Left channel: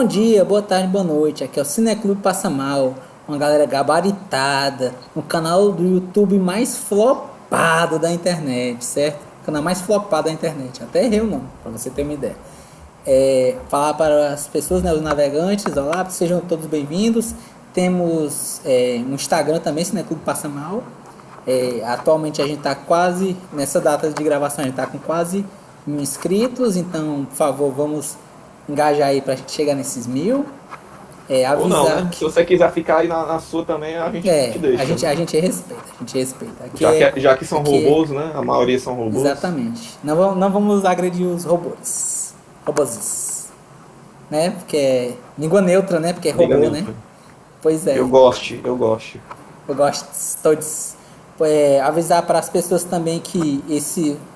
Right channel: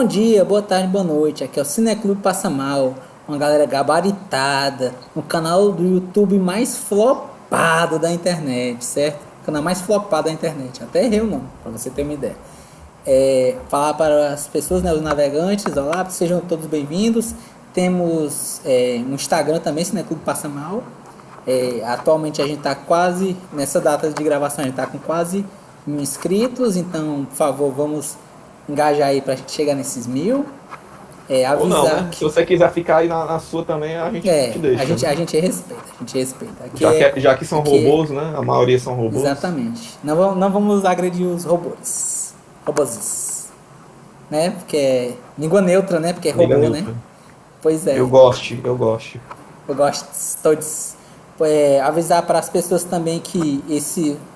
Bom dia, boa tarde, boa noite. Aqui é o Cineclube Passa Mal, uma galera gabaritada, no canal do YouTube mais flopado da internet, certo? O canal mais flopado da internet. Até errei o nome, pra você ter uma ideia. Falar para as pessoas, né, os navegantes, olá, sejam todos bem-vindos. Temos um Instagram também, Cineclube Passa Mal. Atualmente a gente está quase, nessa data de gravação, a gente está com quase 1.000 inscritos, então, por favor, vamos engajar aí pra gente chegar nesses 1.000. Ou não, Avisar né? Se que. você quiser ficar aí na sua também, a gente te A deixa, gente, né? a gente respeita, a gente respeita. Já que são Aqui é, robôs, né? A maioria são robôs. exatamente. Não vamos agredir os robôs. Robôs. Né? Porque é língua neutra, né? Porque é Liga robô, né? neutra. Pois é. Eu gosto. Eu gosto de todos. Avisar para as pessoas também que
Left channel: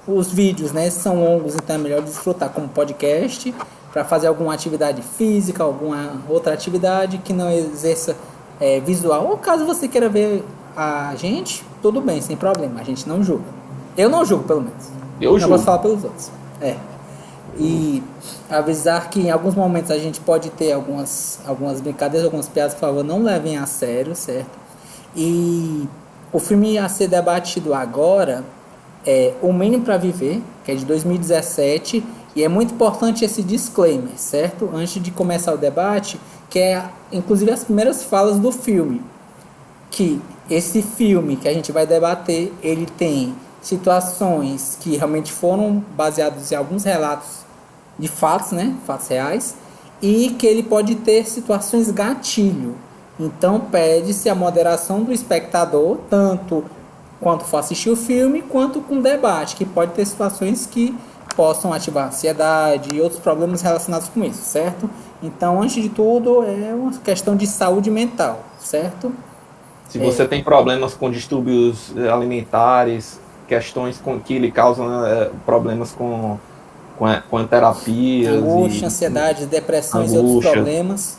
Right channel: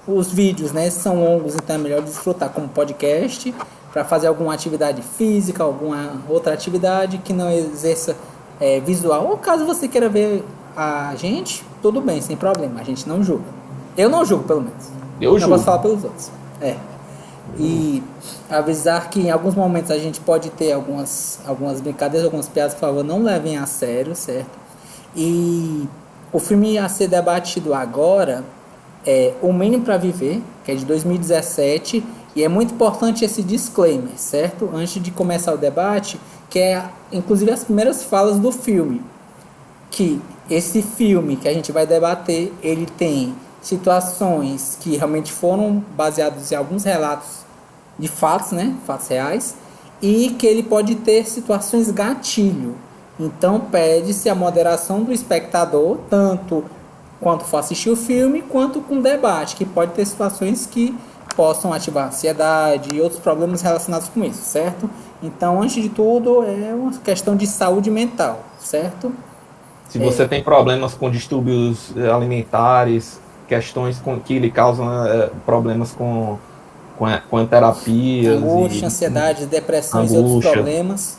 os vídeos, né, são longos, então é melhor desfrutar como podcast para fazer alguma atividade física, alguma outra atividade que não exerça visual. Ou caso você queira ver a gente, tudo bem, sem problema. A gente não julga. Eu não julgo, pelo menos. Eu Não posso julgo. falar pelos outros. E avisar que em alguns momentos a gente pode ter algumas brincadeiras, algumas piadas, por favor, não levem a sério, certo? E o filme a ser debatido agora é O Menino para Viver, que é de 2017, e é muito importante esse disclaimer, certo? Antes de começar o debate, que é inclusive as primeiras falas do filme, que esse filme que a gente vai debater, ele tem situações que realmente foram baseados em alguns relatos de fatos, né? Fatos reais, e que ele pode ter situações gatilho. Então pede-se a moderação do espectador, tanto quanto for assistir o filme, quanto com o debate, que pode ter situações que possam ativar ansiedade e outros problemas relacionados com isso, certo? Então, antes de tudo, é uma questão de saúde mental, certo? Se você tem problemas com distúrbios alimentares, questões que lhe causam problemas com terapias Angústia, e ansiedade, depressões e outros angústia, problemas.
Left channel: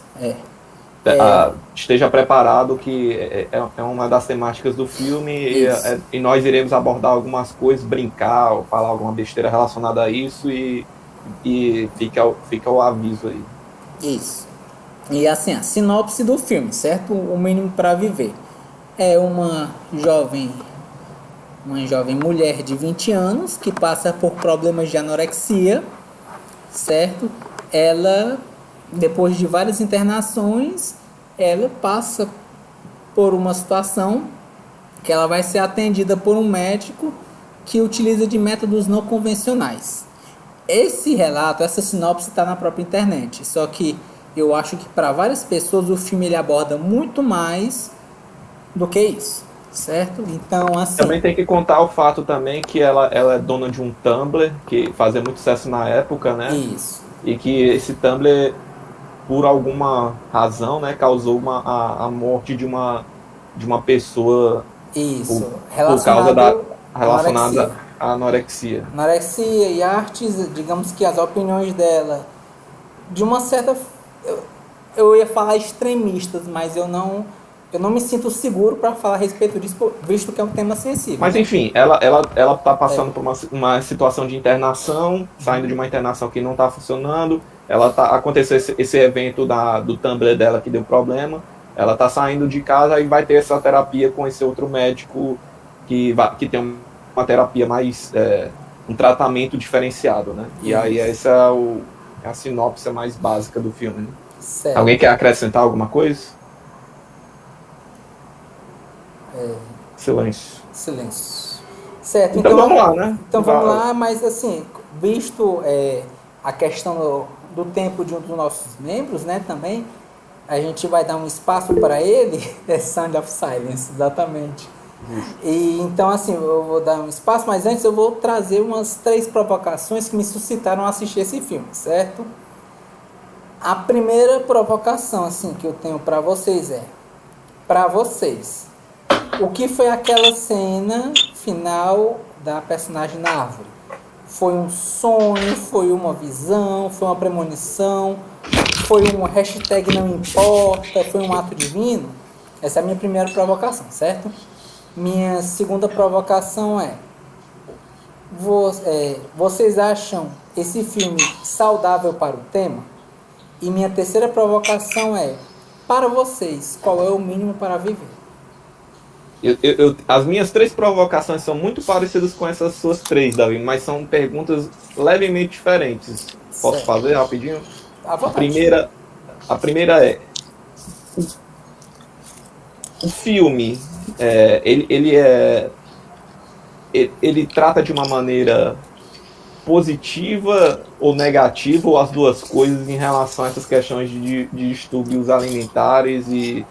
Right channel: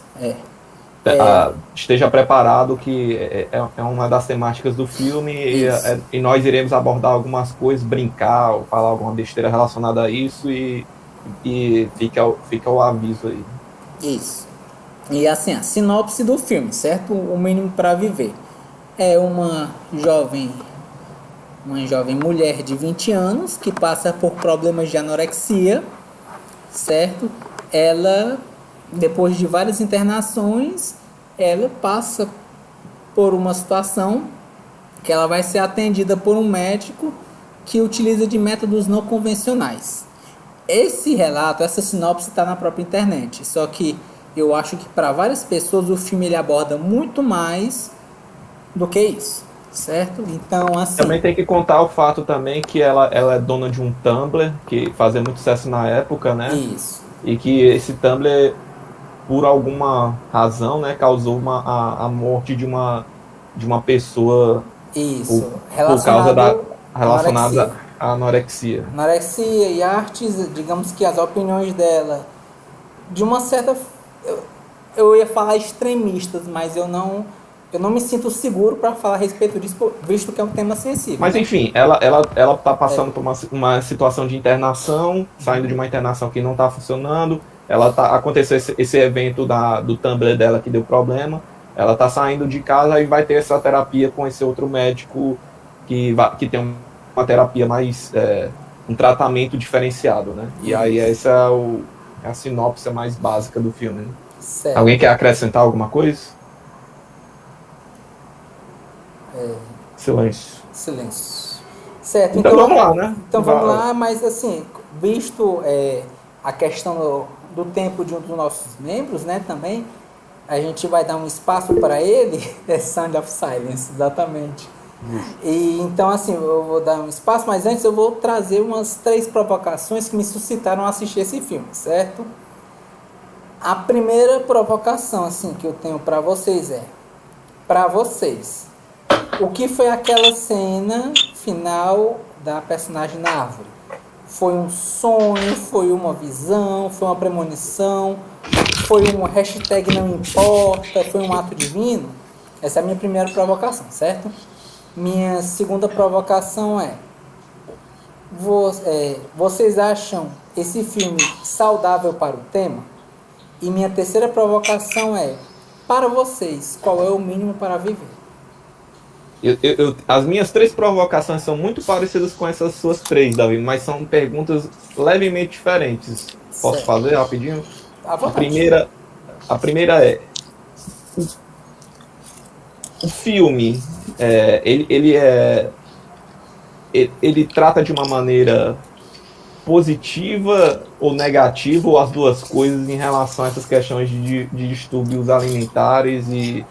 esteja preparado que é uma das temáticas do filme Isso. e nós iremos abordar algumas coisas, brincar, ou falar alguma besteira relacionada a isso e fica o aviso aí. Isso. E assim, a sinopse do filme, certo? O Mínimo para Viver. É uma jovem mulher de 20 anos que passa por problemas de anorexia, certo? Ela, depois de várias internações, ela passa por uma situação que ela vai ser atendida por um médico que utiliza de métodos não convencionais. Esse relato, essa sinopse está na própria internet, só que eu acho que para várias pessoas o filme ele aborda muito mais do que isso, certo? Então, assim, Também tem que contar o fato também que ela é dona de um Tumblr que fazia muito sucesso na época, né? isso, E que esse Tumblr, por alguma razão, né, causou a morte de uma pessoa por, isso, por causa da relacionado à anorexia. relacionada à anorexia. Anorexia e artes, digamos que as opiniões dela, de uma certa, eu ia falar extremistas, mas eu não me sinto seguro para falar a respeito disso, visto que é um tema sensível, Mas né? enfim, ela tá passando por uma situação de internação, saindo de uma internação que não está funcionando. Aconteceu esse evento do Tumblr dela que deu problema. Ela está saindo de casa e vai ter essa terapia com esse outro médico que tem uma terapia mais, um tratamento diferenciado, né? E aí essa é a sinopse mais básica do filme, né? Alguém Certo. quer acrescentar alguma coisa? Silêncio. Silêncio. Certo, Então vamos lá, né? então vamos lá, mas assim, visto a questão do tempo de um dos nossos membros, né, também, a gente vai dar um espaço para ele, é Sound of Silence, exatamente. E então, assim, eu vou dar um espaço, mas antes eu vou trazer umas 3 provocações que me suscitaram a assistir esse filme, certo? A primeira provocação, assim, que eu tenho para vocês para vocês, o que foi aquela cena final da personagem na árvore? Foi um sonho, foi uma visão, foi uma premonição, foi um hashtag não importa, foi um ato divino? Essa é a minha primeira provocação, certo? Minha segunda provocação vocês acham esse filme saudável para o tema? E minha terceira provocação é: para vocês, qual é o mínimo para viver? As minhas 3 provocações são muito parecidas com essas suas 3, Davi, mas são perguntas levemente diferentes. Posso Certo. fazer rapidinho? À A vontade. primeira é: o filme, ele trata de uma maneira positiva ou negativa, ou as duas coisas, em relação a essas questões de distúrbios alimentares e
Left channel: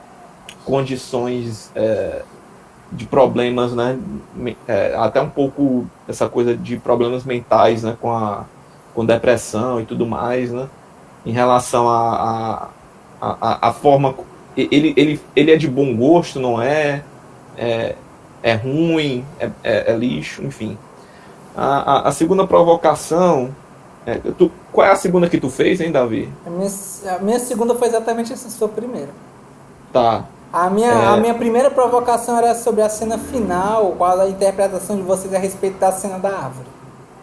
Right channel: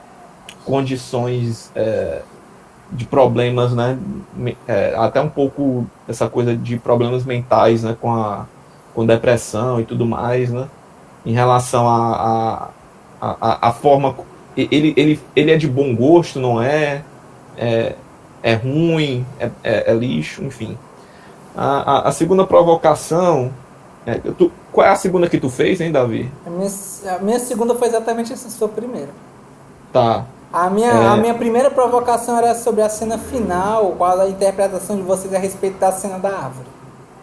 condições de problemas, né? Até um pouco essa coisa de problemas mentais, né? Com depressão e tudo mais, né? Em relação a forma. Ele é de bom gosto, não é? É ruim, é lixo, enfim. A segunda provocação. Qual é a segunda que tu fez, hein, Davi? A minha segunda foi exatamente essa sua primeira. Tá. A minha primeira provocação era sobre a cena final, qual a interpretação de vocês a respeito da cena da árvore.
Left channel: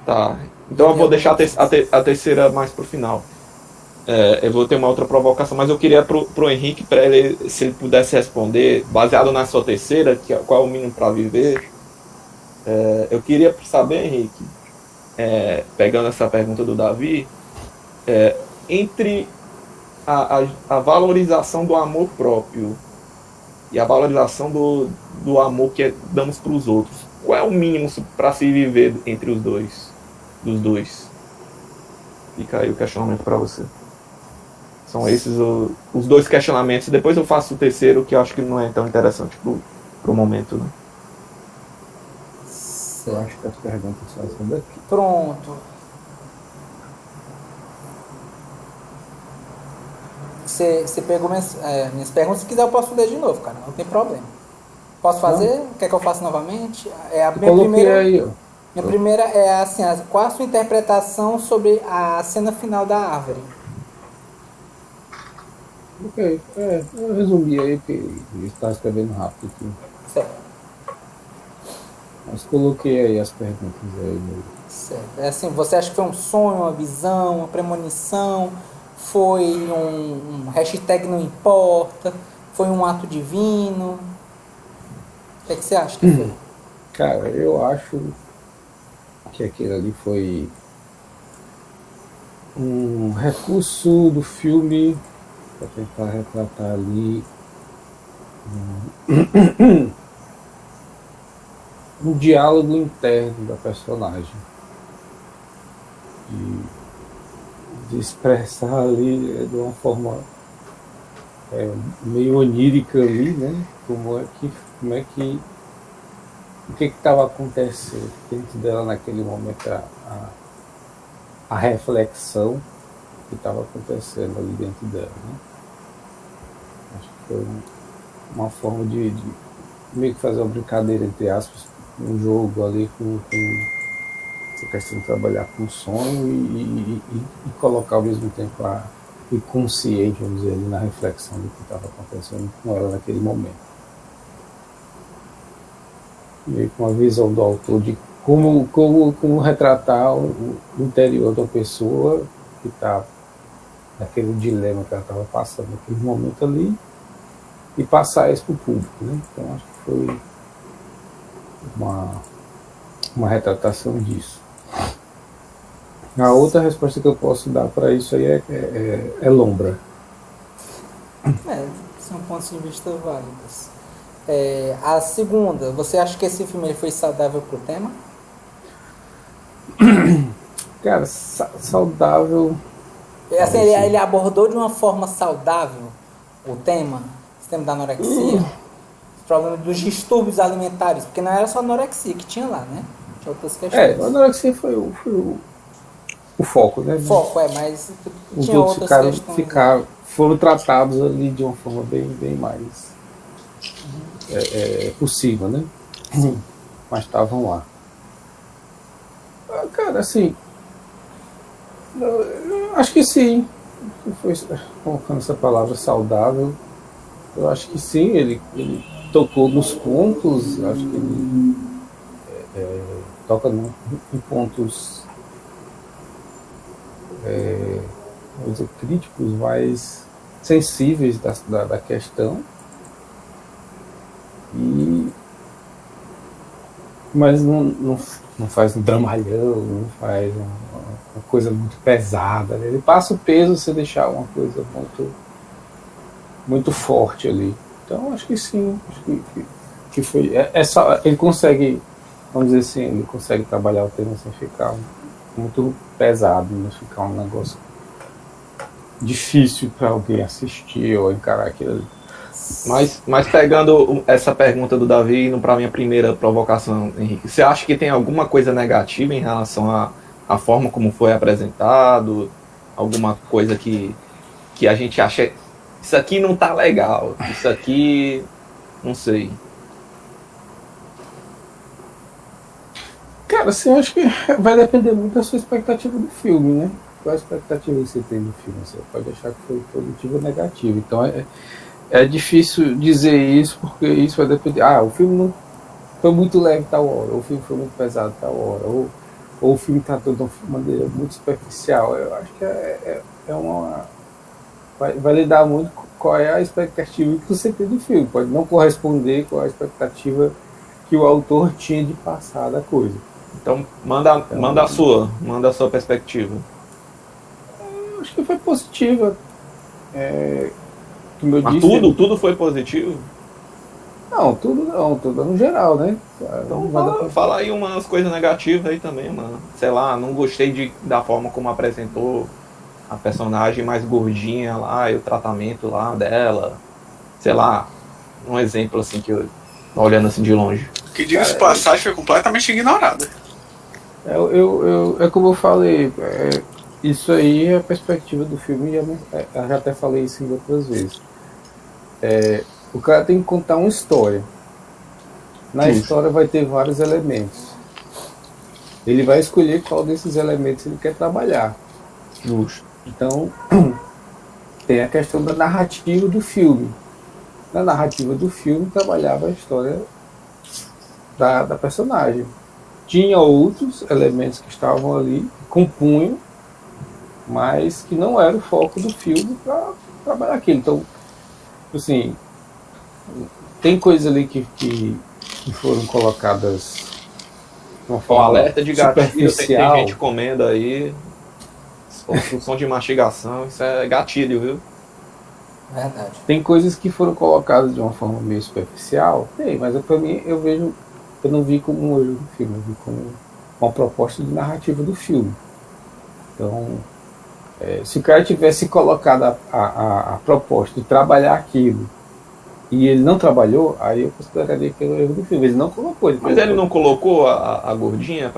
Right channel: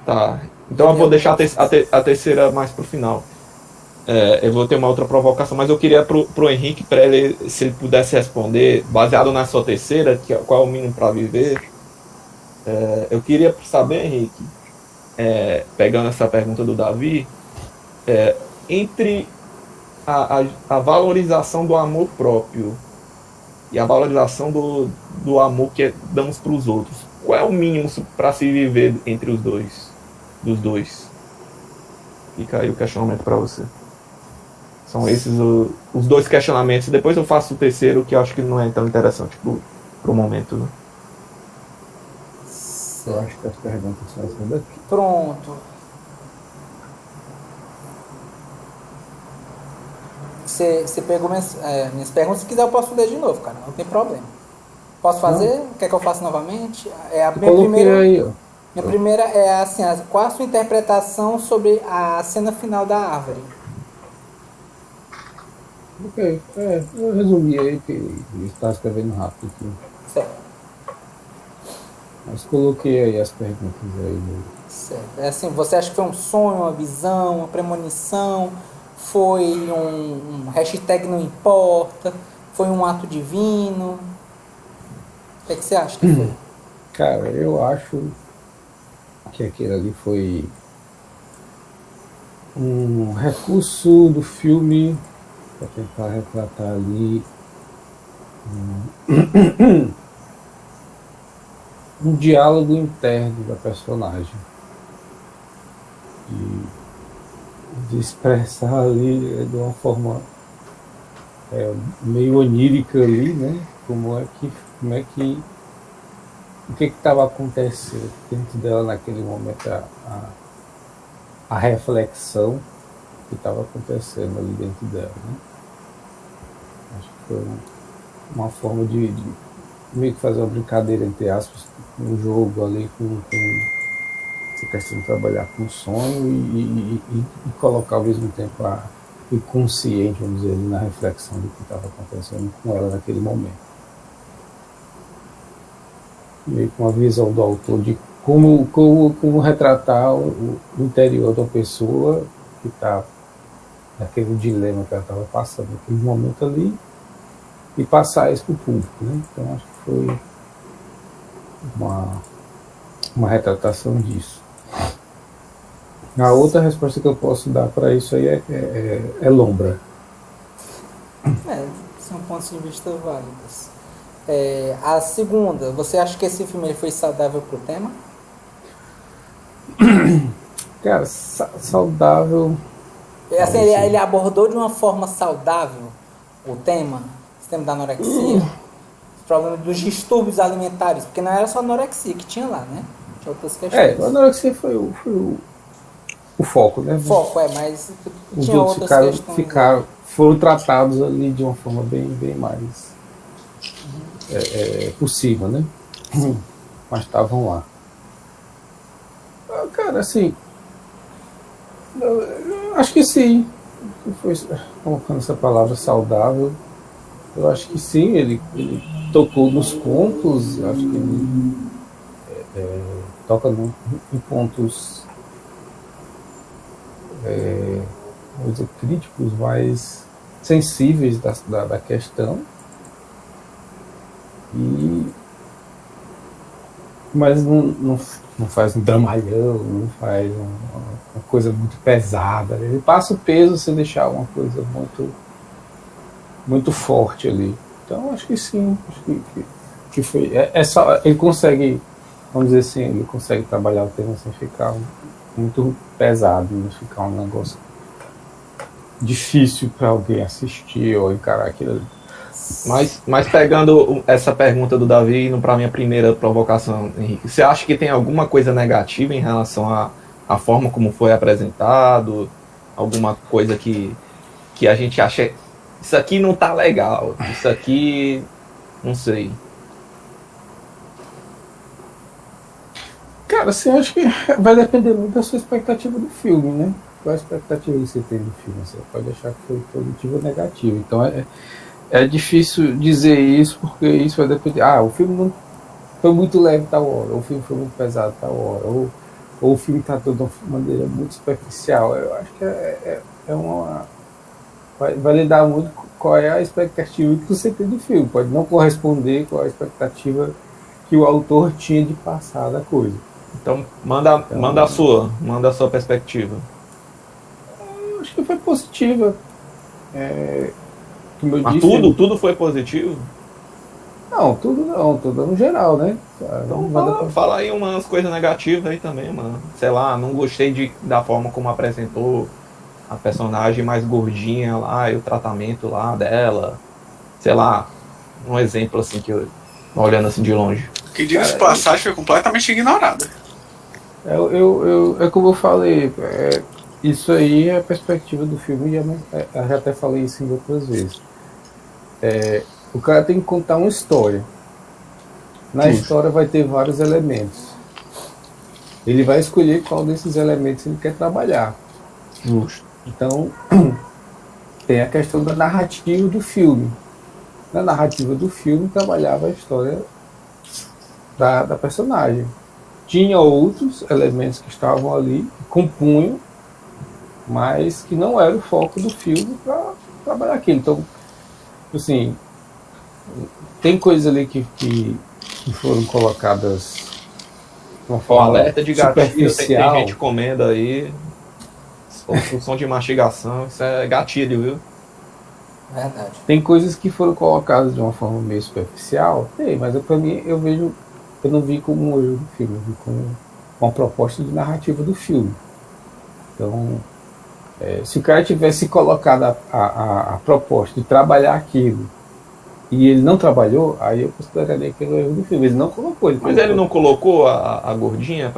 Tá. Então eu vou deixar a terceira mais pro final. Eu vou ter uma outra provocação, mas eu queria pro Henrique, para ele, se ele pudesse responder, baseado na sua terceira, qual é o mínimo para viver. Eu queria saber, Henrique, pegando essa pergunta do Davi, entre a valorização do amor próprio e a valorização do amor que damos para os outros, qual é o mínimo para se viver entre os dois? Dos dois. Fica aí o questionamento para você. São esses os 2 questionamentos. Depois eu faço o terceiro, que eu acho que não é tão interessante pro momento, né? Eu acho que as perguntas são essas daqui. Pronto. Você pegou minhas perguntas. Se quiser, eu posso ler de novo, cara. Não tem problema. Posso fazer? Não. Quer que eu faça novamente? Minha primeira é assim: qual a sua interpretação sobre a cena final da árvore? Ok. Eu resumi aí, porque ele está escrevendo rápido aqui. Certo. Mas coloquei aí as perguntas aí. Certo. É assim, você acha que foi um sonho, uma visão, uma premonição? Foi um hashtag não importa? Foi um ato divino? O que você acha que foi? Cara, eu acho que aquilo ali foi um recurso do filme para tentar retratar ali um diálogo interno da personagem, de expressar ali de uma forma meio onírica ali, né? O que estava acontecendo dentro dela naquele momento, a reflexão que estava acontecendo ali dentro dela, né? Acho que foi uma forma de meio que fazer uma brincadeira, entre aspas, um jogo ali com essa questão de trabalhar com sonho e colocar ao mesmo tempo o inconsciente, vamos dizer, ali na reflexão do que estava acontecendo com ela naquele momento. Meio com a visão do autor de como retratar o interior da pessoa que está naquele dilema que ela estava passando naquele momento ali, e passar isso para o público, né? Então acho que foi uma retratação disso. A outra resposta que eu posso dar para isso aí é lombra. São pontos de vista válidos. A segunda, você acha que esse filme ele foi saudável pro tema? Cara, saudável. Assim, ele abordou de uma forma saudável o tema da anorexia, os problemas dos distúrbios alimentares, porque não era só a anorexia que tinha lá, né? Tinha outras questões. A anorexia foi o foco, né? O foco, mas os tinha outras questões. Foram tratados ali de uma forma bem mais possível, né? Mas estavam lá. Cara, assim, eu acho que sim. Foi colocando essa palavra saudável. Eu acho que sim, ele tocou nos pontos, acho que ele toca em pontos vou dizer, críticos, mais sensíveis da questão, mas não faz um dramalhão, não faz uma coisa muito pesada. Ele passa o peso sem deixar uma coisa muito, muito forte ali. Então acho que sim, acho que foi. Só, ele consegue, vamos dizer assim, ele consegue trabalhar o tema sem ficar muito pesado, não ficar um negócio difícil para alguém assistir ou encarar aquilo ali. Mas pegando essa pergunta do Davi, indo para a minha primeira provocação, Henrique, você acha que tem alguma coisa negativa em relação à forma como foi apresentado? Alguma coisa que a gente acha, isso aqui não tá legal, isso aqui, não sei. Cara, assim, eu acho que vai depender muito da sua expectativa do filme, né? Qual a expectativa que você tem do filme? Você pode achar que foi positivo ou negativo. Então é difícil dizer isso, porque isso vai depender. O filme não foi muito leve tal hora, ou o filme foi muito pesado tal hora, ou o filme está de uma maneira muito superficial. Eu acho que vai lidar muito com qual é a expectativa que você tem do filme. Pode não corresponder com a expectativa que o autor tinha de passar da coisa. Então, manda a sua perspectiva. Eu acho que foi positiva. Como eu Mas disse, tudo foi positivo? Não, tudo no geral, né? Então fala aí umas coisas negativas aí também, mano. Sei lá, não gostei da forma como apresentou a personagem mais gordinha lá e o tratamento lá dela. Sei lá, um exemplo assim que eu olhando assim de longe. Que diga-se de passagem foi completamente ignorada. É como eu falei, isso aí é a perspectiva do filme, eu já até falei isso em outras vezes. O cara tem que contar uma história. Na história vai ter vários elementos. Ele vai escolher qual desses elementos ele quer trabalhar. Justo. Então, tem a questão da narrativa do filme. Na narrativa do filme, trabalhava a história da personagem. Tinha outros elementos que estavam ali, compunham, mas que não era o foco do filme para trabalhar aquilo. Então, assim, tem coisas ali que foram colocadas de uma forma alerta de gatilho, superficial. Tem gente comendo aí, som de mastigação, isso é gatilho, viu? Verdade. Tem coisas que foram colocadas de uma forma meio superficial, mas para mim eu não vi como um erro do filme, eu vi como uma proposta de narrativa do filme. Então, se o cara tivesse colocado a proposta de trabalhar aquilo e ele não trabalhou, aí eu consideraria que era o erro do filme. Ele não colocou. Mas ele não colocou a gordinha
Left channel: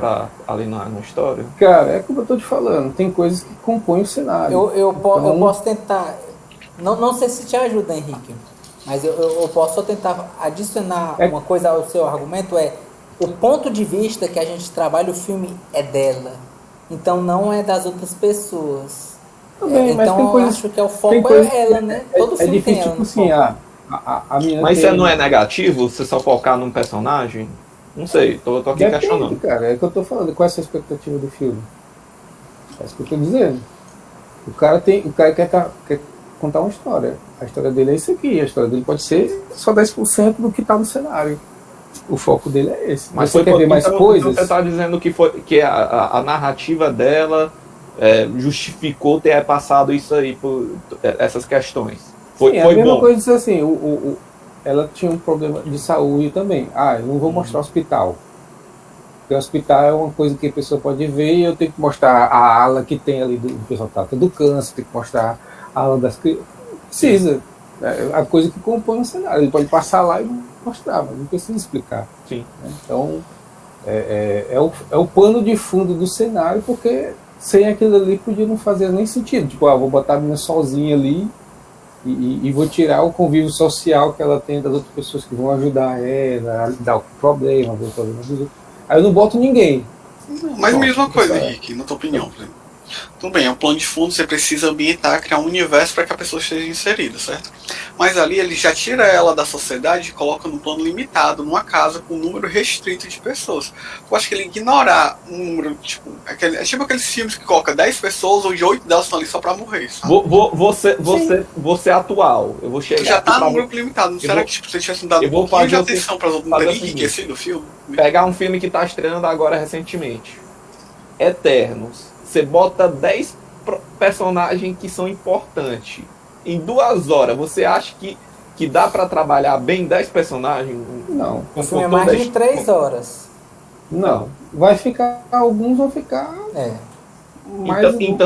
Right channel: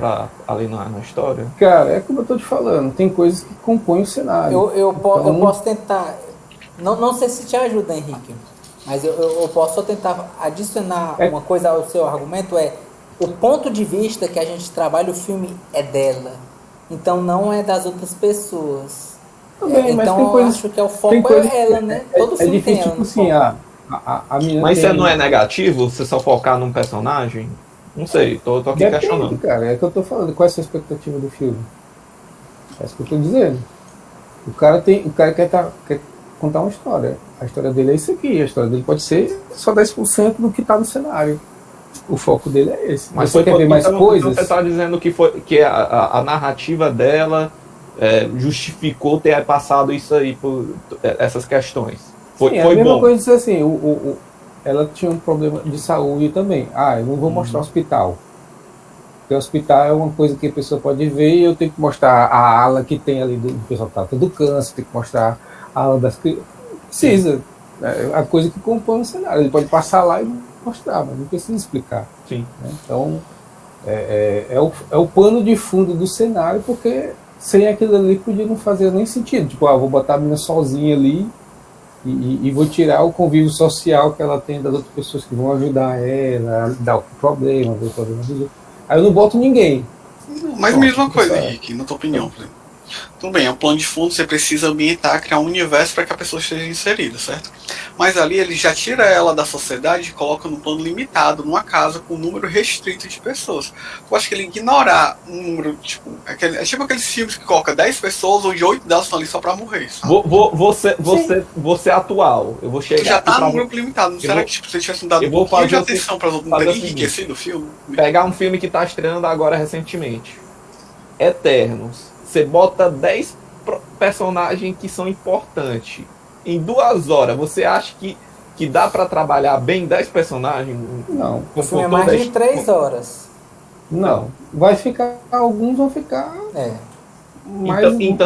ali na história? Cara, é como eu tô te falando, tem coisas que compõem o cenário. Eu posso tentar. Não sei se te ajuda, Henrique, mas eu posso só tentar adicionar uma coisa ao seu argumento, o ponto de vista que a gente trabalha o filme é dela, então não é das outras pessoas. Então eu acho que o foco é ela, né? Todo filme tem ela no foco. Mas isso não é negativo, você só focar num personagem? Não sei, tô aqui questionando. Cara, é o que eu tô falando, qual é a sua expectativa do filme? É isso que eu tô dizendo. O cara quer contar uma história. A história dele é isso aqui. A história dele pode ser só 10% do que está no cenário. O foco dele é esse. Mas você quer ver mais coisas? Então você está dizendo que a narrativa dela justificou ter passado isso aí por essas questões. Foi a mesma bom. Coisa dizer assim, ela tinha um problema de saúde também. Eu não vou mostrar o hospital. Porque o hospital é uma coisa que a pessoa pode ver e eu tenho que mostrar a ala que tem ali do pessoal que trata do câncer, tem que mostrar a ala das crianças. Precisa. É a coisa que compõe o cenário. Ele pode passar lá e mostrar, mas não precisa explicar. Sim. Então, é o pano de fundo do cenário, porque sem aquilo ali podia não fazer nem sentido. Tipo, vou botar a menina sozinha ali e vou tirar o convívio social que ela tem das outras pessoas que vão ajudar ela a lidar com o problema, ver o problema dos outros. Aí eu não boto ninguém. Mas mesma coisa, Henrique, na tua opinião, por exemplo. Tudo bem, é um plano de fundo, você precisa ambientar, criar um universo para que a pessoa esteja inserida, certo? Mas ali ele já tira ela da sociedade e coloca num plano limitado, numa casa com um número restrito de pessoas. Eu acho que ele ignorar um número, tipo, é tipo aqueles filmes que coloca 10 pessoas, onde 8 delas estão ali só pra morrer, sabe? Você atual. Eu vou chegar. Já tá pra... num grupo limitado. Não será vou- que tipo, você tivesse dado eu um vou pouquinho de fazer atenção para não fazer ter o seguinte. enriquecido o filme? Pegar um filme que tá estreando agora recentemente. Eternos. Você bota 10 personagens que são importantes. Em 2 horas, você acha que dá pra trabalhar bem 10 personagens? Não, O filme é mais de 3 horas. não. Vai ficar, alguns vão ficar É.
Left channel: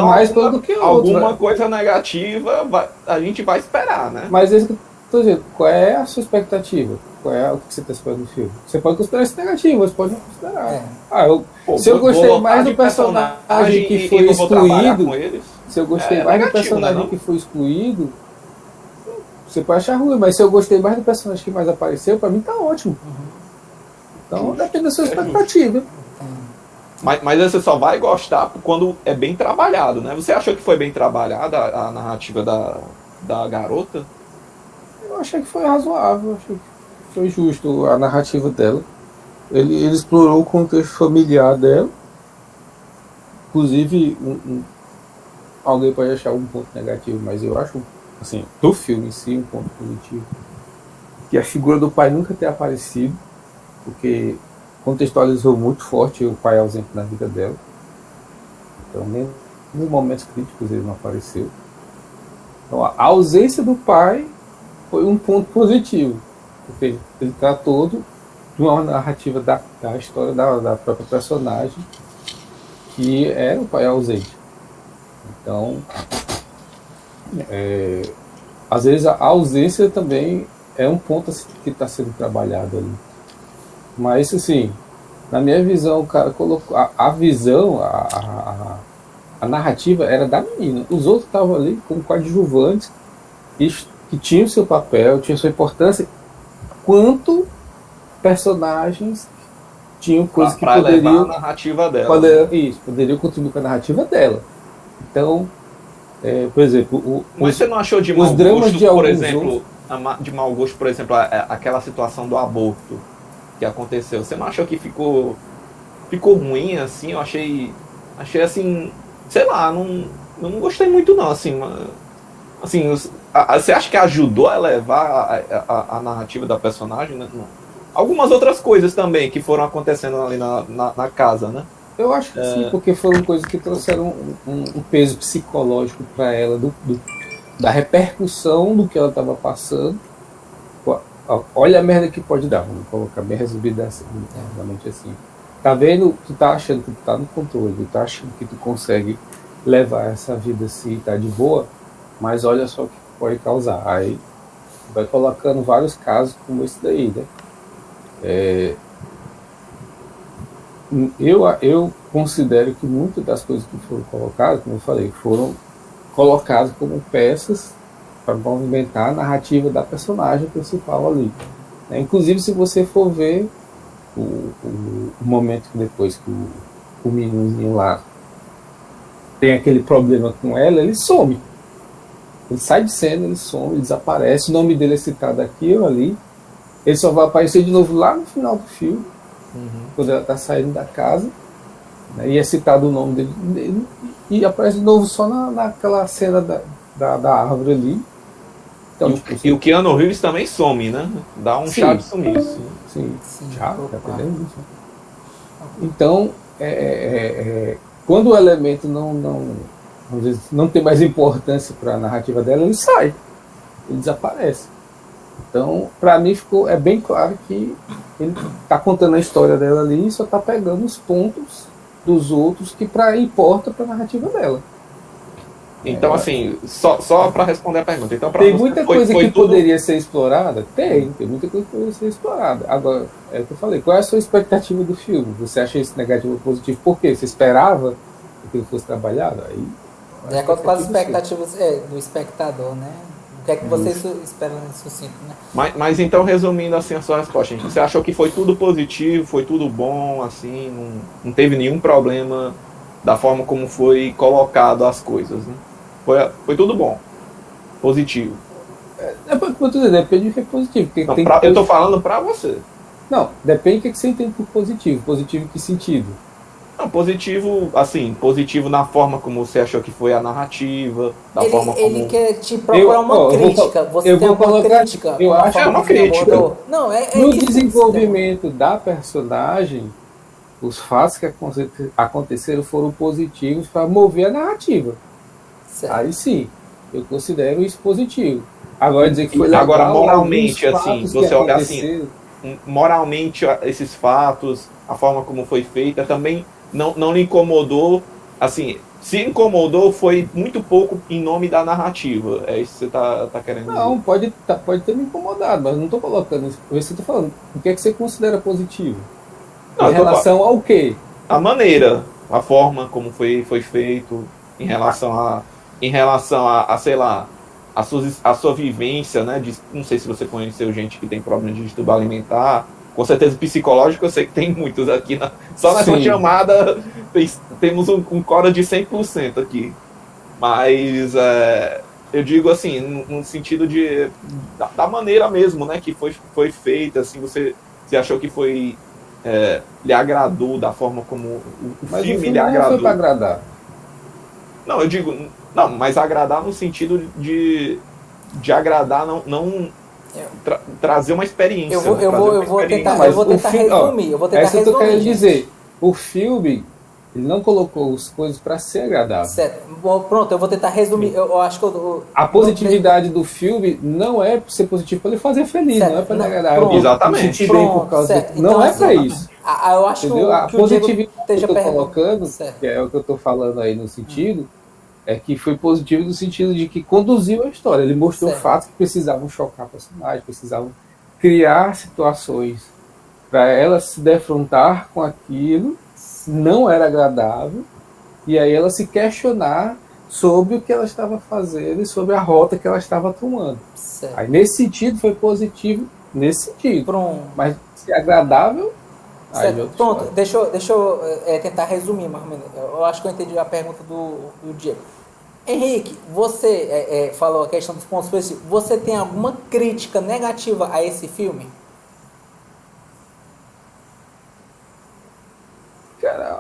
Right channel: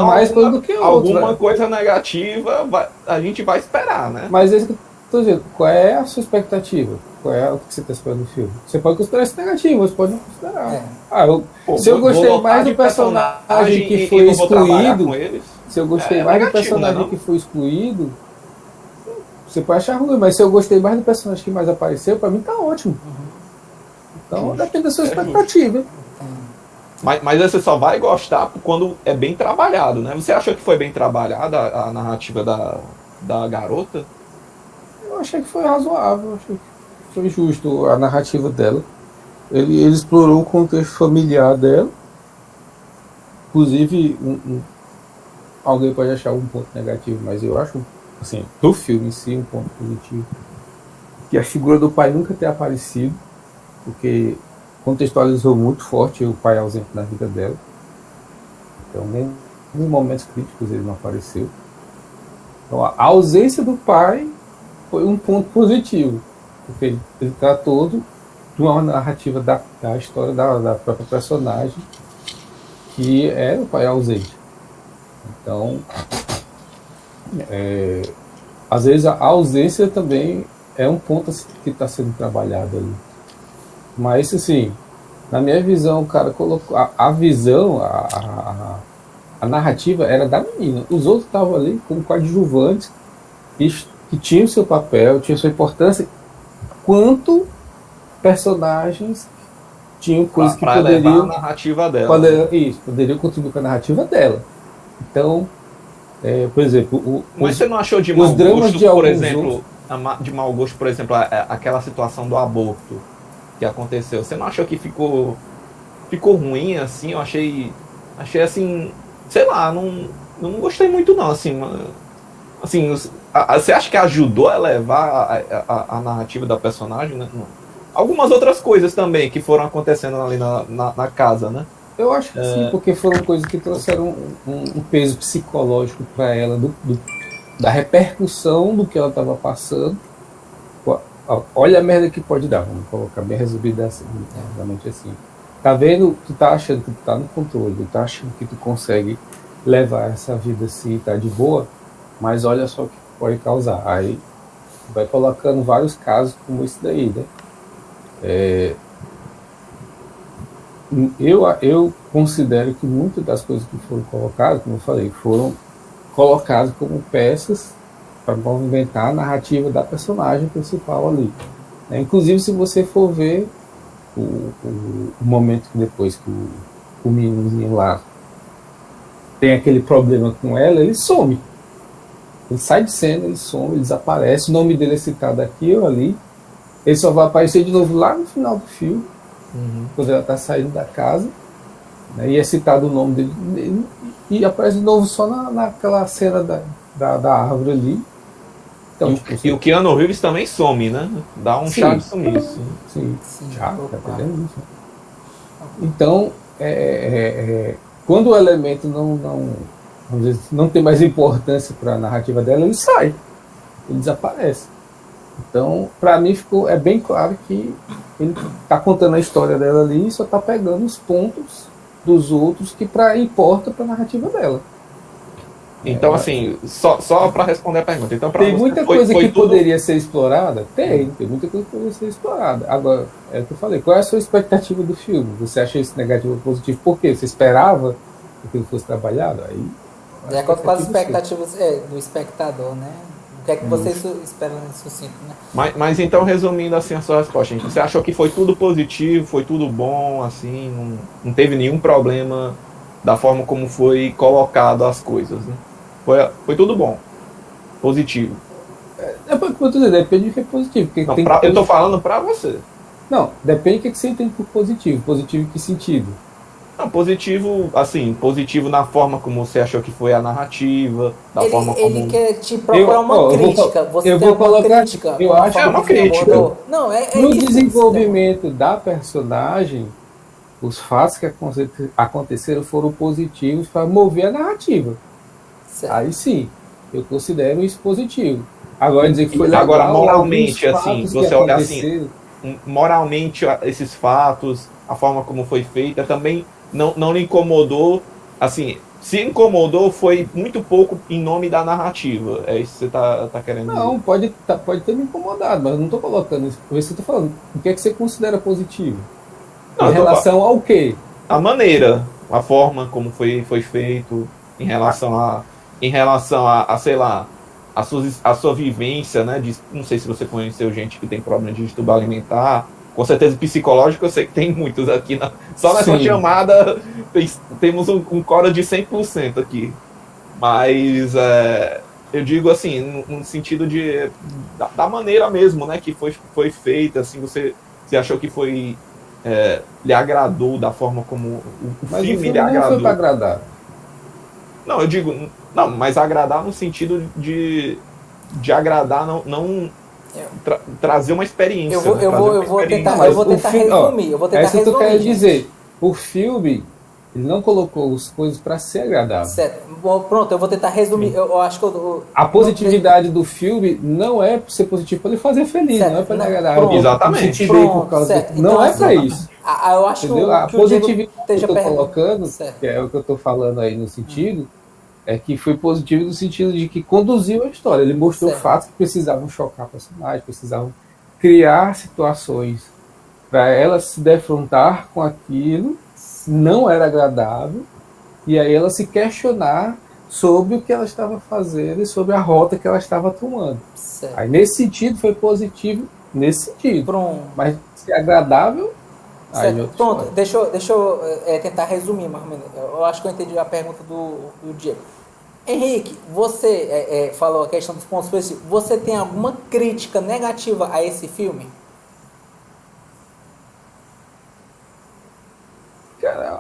mais coisa do que outros. alguma Né? coisa negativa a gente vai esperar, né? Mas é isso que eu tô dizendo. Qual é a sua expectativa? Qual é o que você está esperando do filme? Você pode considerar isso negativo, você pode não considerar. É. Se eu gostei vou mais lotar do de personagem que e foi não vou trabalhar excluído, com eles. se eu gostei É mais do negativo, personagem né, que foi excluído, você pode achar ruim, mas se eu gostei mais do personagem que mais apareceu, pra mim tá ótimo. Então depende da sua expectativa. Mas você só vai gostar quando é bem trabalhado, né? Você achou que foi bem trabalhada a narrativa da garota? Eu achei que foi razoável, achei que foi justo a narrativa dela. Ele explorou o contexto familiar dela. Inclusive, alguém pode achar um ponto negativo, mas eu acho, assim, do filme em si, um ponto positivo. Que a figura do pai nunca ter aparecido, porque contextualizou muito forte o pai ausente na vida dela. Então, nem em momentos críticos ele não apareceu. Então, a ausência do pai foi um ponto positivo, porque ele tratou de uma narrativa da história da própria personagem, que é o pai ausente. Então, às vezes a ausência também é um ponto que está sendo trabalhado ali. Mas, assim, na minha visão, o cara colocou a visão, a narrativa era da menina. Os outros estavam ali como coadjuvantes que tinham seu papel, tinham sua importância, quanto personagens tinham coisas que poderiam... a narrativa dela. Poderiam contribuir com a narrativa dela. Então, por exemplo... Mas você não achou de mau gosto, por exemplo, de mau gosto, por exemplo, aquela situação do aborto que aconteceu? Você não achou que ficou ruim, assim? Eu achei assim, sei lá, não gostei muito não, assim, você acha que ajudou a elevar a narrativa da personagem, né? Algumas outras coisas também que foram acontecendo ali na casa, né? Eu acho que sim, porque foram coisas que trouxeram um peso psicológico para ela, da repercussão do que ela estava passando. Olha a merda que pode dar, vamos colocar bem resolvido assim, realmente assim. Tá vendo? Tu tá achando que tu tá no controle, tu tá achando que tu consegue levar essa vida assim, tá de boa, mas olha só o que pode causar. Aí vai colocando vários casos como esse daí, né? Eu considero que muitas das coisas que foram colocadas, como eu falei, foram colocadas como peças para movimentar a narrativa da personagem principal ali. Inclusive, se você for ver o momento depois que o menino lá tem aquele problema com ela, ele some. Ele sai de cena, ele some, ele desaparece, o nome dele é citado aqui ou ali. Ele só vai aparecer de novo lá no final do filme, quando ela está saindo da casa, né, e é citado o nome dele, e aparece de novo só naquela cena da árvore ali. Então, e o Keanu Reeves também some, né? Dá um chá de sumiço. Sim, tá entendendo isso? Então, quando o elemento às vezes, não tem mais importância para a narrativa dela, ele sai, ele desaparece. Então, para mim, é bem claro que ele está contando a história dela ali e só está pegando os pontos dos outros que importa para a narrativa dela. Então, assim, só para responder a pergunta. Então, tem muita coisa que poderia ser explorada? Tem muita coisa que poderia ser explorada. Agora, é o que eu falei, qual é a sua expectativa do filme? Você acha isso negativo ou positivo? Por quê? Você esperava que ele fosse trabalhado? Aí, de acordo com as expectativas do espectador, né? O que é que você espera nesse sucinto, né? Mas então, resumindo assim a sua resposta, gente, você achou que foi tudo positivo, foi tudo bom, assim, não teve nenhum problema da forma como foi colocado as coisas, né? Foi tudo bom, positivo. Depende do que é positivo. Não, eu tô falando pra você. Não, depende do que você entende por positivo. Positivo em que sentido? Não, positivo, assim, positivo na forma como você achou que foi a narrativa, da forma como... Ele quer te procurar uma crítica. Você tem alguma crítica? Eu acho uma crítica. Não, no desenvolvimento da personagem, os fatos que aconteceram foram positivos para mover a narrativa. Certo. Aí sim, eu considero isso positivo. Agora dizer que foi legal, agora, moralmente, assim, você olha assim, moralmente, esses fatos, a forma como foi feita, também não lhe incomodou, assim, se incomodou, foi muito pouco em nome da narrativa. É isso que você tá querendo dizer? Não, pode ter me incomodado, mas eu não estou colocando isso. Você está falando, o que é que você considera positivo? Não, em relação ao quê? A maneira, a forma como foi feito, em relação a sei lá, a sua vivência, né? Não sei se você conheceu gente que tem problema de distúrbio alimentar, com certeza psicológico, eu sei que tem muitos aqui. Só nessa chamada temos um coro de 100% aqui. Mas eu digo assim, no sentido da maneira mesmo, né? Que foi feita, assim, você achou que foi... lhe agradou da forma como o filme lhe agradou. Não foi para agradar. Não, eu digo, não, mas agradar no sentido de agradar, não trazer uma experiência. Eu vou tentar resumir. Eu vou tentar resumir. Que eu quero dizer. O filme, ele não colocou as coisas para ser agradável. Certo. Bom, pronto, eu vou tentar resumir. Eu acho que a positividade do filme não é ser positivo para ele fazer feliz, certo. Não é para ele agradar. Pronto, exatamente. Pronto, certo. Não então, é para isso. Eu acho que o Diego esteja que eu estou colocando, certo. Que é o que eu estou falando aí no sentido, é que foi positivo no sentido de que conduziu a história. Ele mostrou fatos que precisavam chocar personagens, precisavam criar situações para ela se defrontar com aquilo, não era agradável, e aí ela se questionar sobre o que ela estava fazendo e sobre a rota que ela estava tomando. Certo. Aí nesse sentido foi positivo, nesse sentido. Pronto. Mas se é agradável... Pronto, deixa eu tentar resumir mais ou menos. Eu acho que eu entendi a pergunta do Diego. Henrique, você falou a questão dos pontos positivos. Você tem alguma crítica negativa a esse filme? Cara,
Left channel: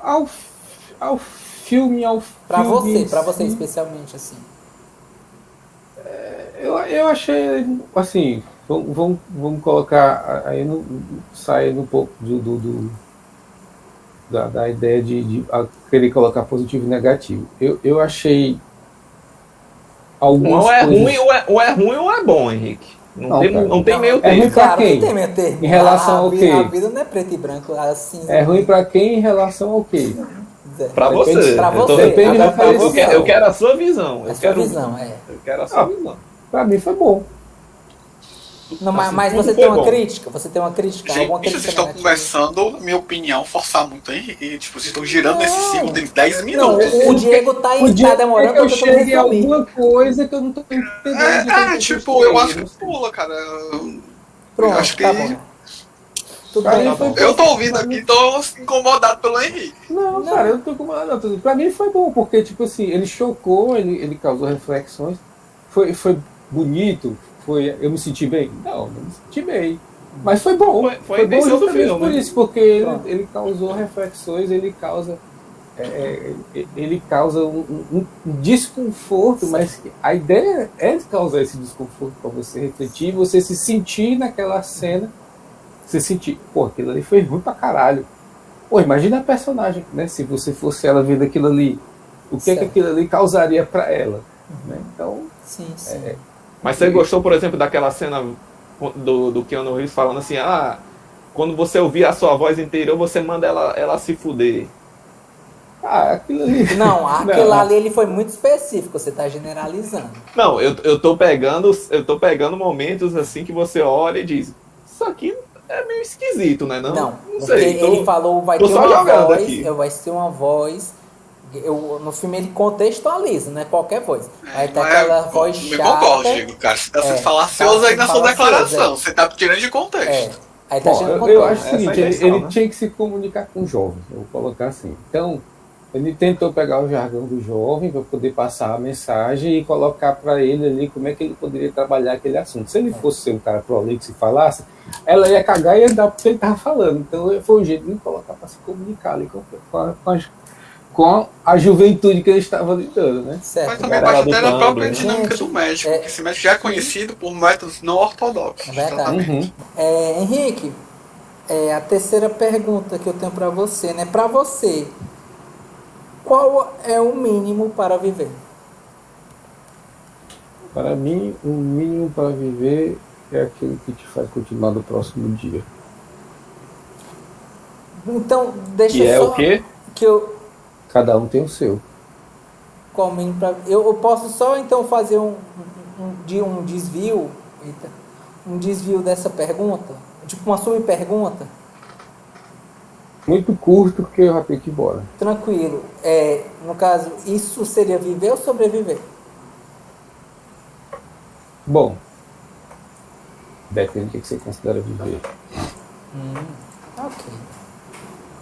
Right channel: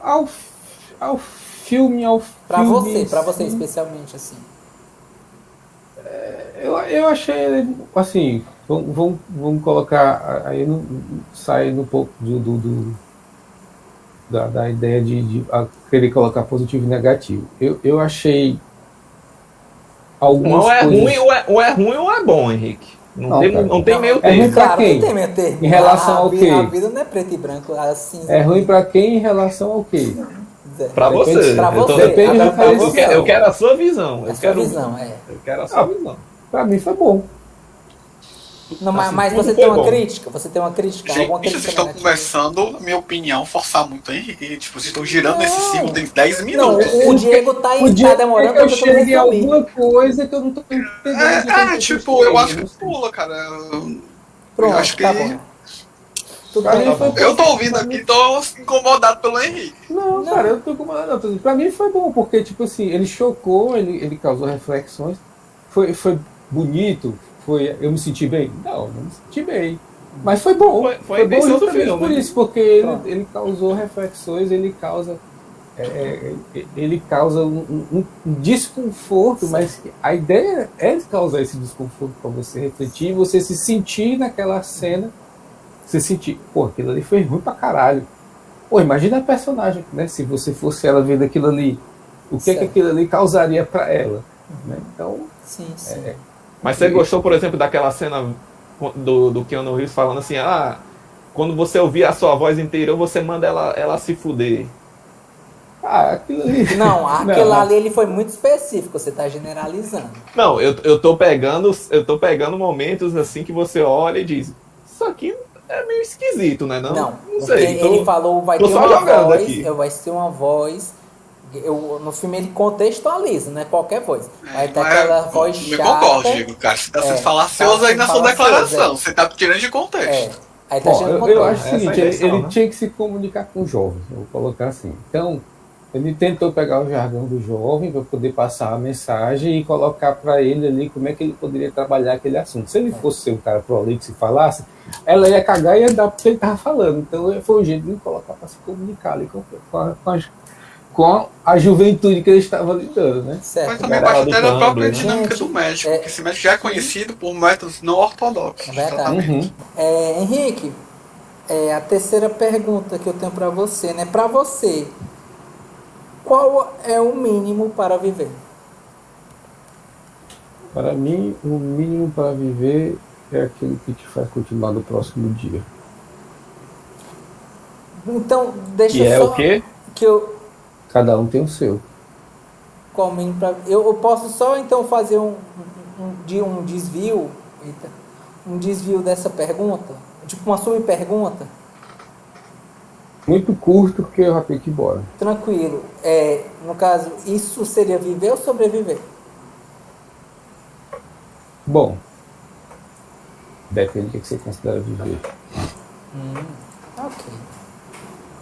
ao filme... Para você especialmente, assim. Eu achei, assim, vamos colocar, aí saindo um pouco da ideia de querer colocar positivo e negativo. Eu achei algumas ou é coisas... ruim ou é ruim ou é bom, Henrique. Não tem meio termo. É claro que tem meio termo. Em relação ao quê? A vida não é preto e branco, assim. É ruim para quem em relação ao quê? Para você. Para você. Eu quero a sua visão. Eu quero a sua visão. Para mim foi bom. Não, mas você tem uma crítica? Você tem uma crítica? Gente, alguma crítica vocês estão conversando, na minha opinião, forçar muito, hein? Tipo, vocês estão girando esse ciclo de 10 minutos. Não, o Diego tá demorando porque eu cheguei a alguma coisa que eu não tô entendendo. Tipo, eu acho que pula, cara. Pronto, eu acho que... tá bom. Tudo bem. Eu tô ouvindo aqui, tô incomodado pelo Henrique. Não, cara, eu não tô incomodado. Não. Pra mim foi bom, porque, tipo assim, ele chocou, ele causou reflexões. Foi bonito. Eu me senti bem? Não me senti bem. Mas foi bom. Foi bom justamente por isso, porque ele causou reflexões, ele causa um desconforto, mas a ideia é causar esse desconforto para você refletir, você se sentir naquela cena, você sentir, aquilo ali foi ruim pra caralho. Imagina a personagem, né? Se você fosse ela vendo aquilo ali, o que aquilo ali causaria para ela? Né? Então, sim. Mas você gostou, por exemplo, daquela cena do Keanu Reeves falando assim, quando você ouvir a sua voz interior, você manda ela se fuder. Aquilo ali... Não, aquilo ali ele foi muito específico, você está generalizando. Não, eu tô pegando momentos assim que você olha e diz, isso aqui é meio esquisito, né? Não sei. Ele falou, vai ter uma voz... no filme ele contextualiza, não é qualquer voz. Vai ter aquela voz chata. Eu concordo, Diego, cara. Você tá sendo falacioso aí na sua declaração. Você tá tirando de contexto. Aí tá tirando de contexto. Eu acho o seguinte, ele tinha que se comunicar com jovens, eu vou colocar assim. Então, Ele tentou pegar o jargão do jovem para poder passar a mensagem e colocar para ele ali como é que ele poderia trabalhar aquele assunto. Se ele fosse ser um cara prolixo e falasse, ela ia cagar e ia dar porque ele estava falando. Então foi um jeito de colocar para se comunicar ali com a juventude que ele estava lidando, né? Certo. Mas também parte até da própria né? dinâmica Gente, do médico, porque esse médico já é conhecido por métodos não ortodoxos. É verdade. Exatamente. Henrique, a terceira pergunta que eu tenho para você, né? Para você, qual é o mínimo para viver? Para mim, o mínimo para viver é aquilo que te faz continuar no próximo dia. Então, deixa E é só o quê? que eu Cada um tem o seu. qual o mínimo para eu posso só então fazer um desvio, um desvio dessa pergunta, tipo uma subpergunta. Muito curto, porque eu já tenho que ir embora. Tranquilo. No caso, isso seria viver ou sobreviver? Bom, depende do que você considera viver. Ok.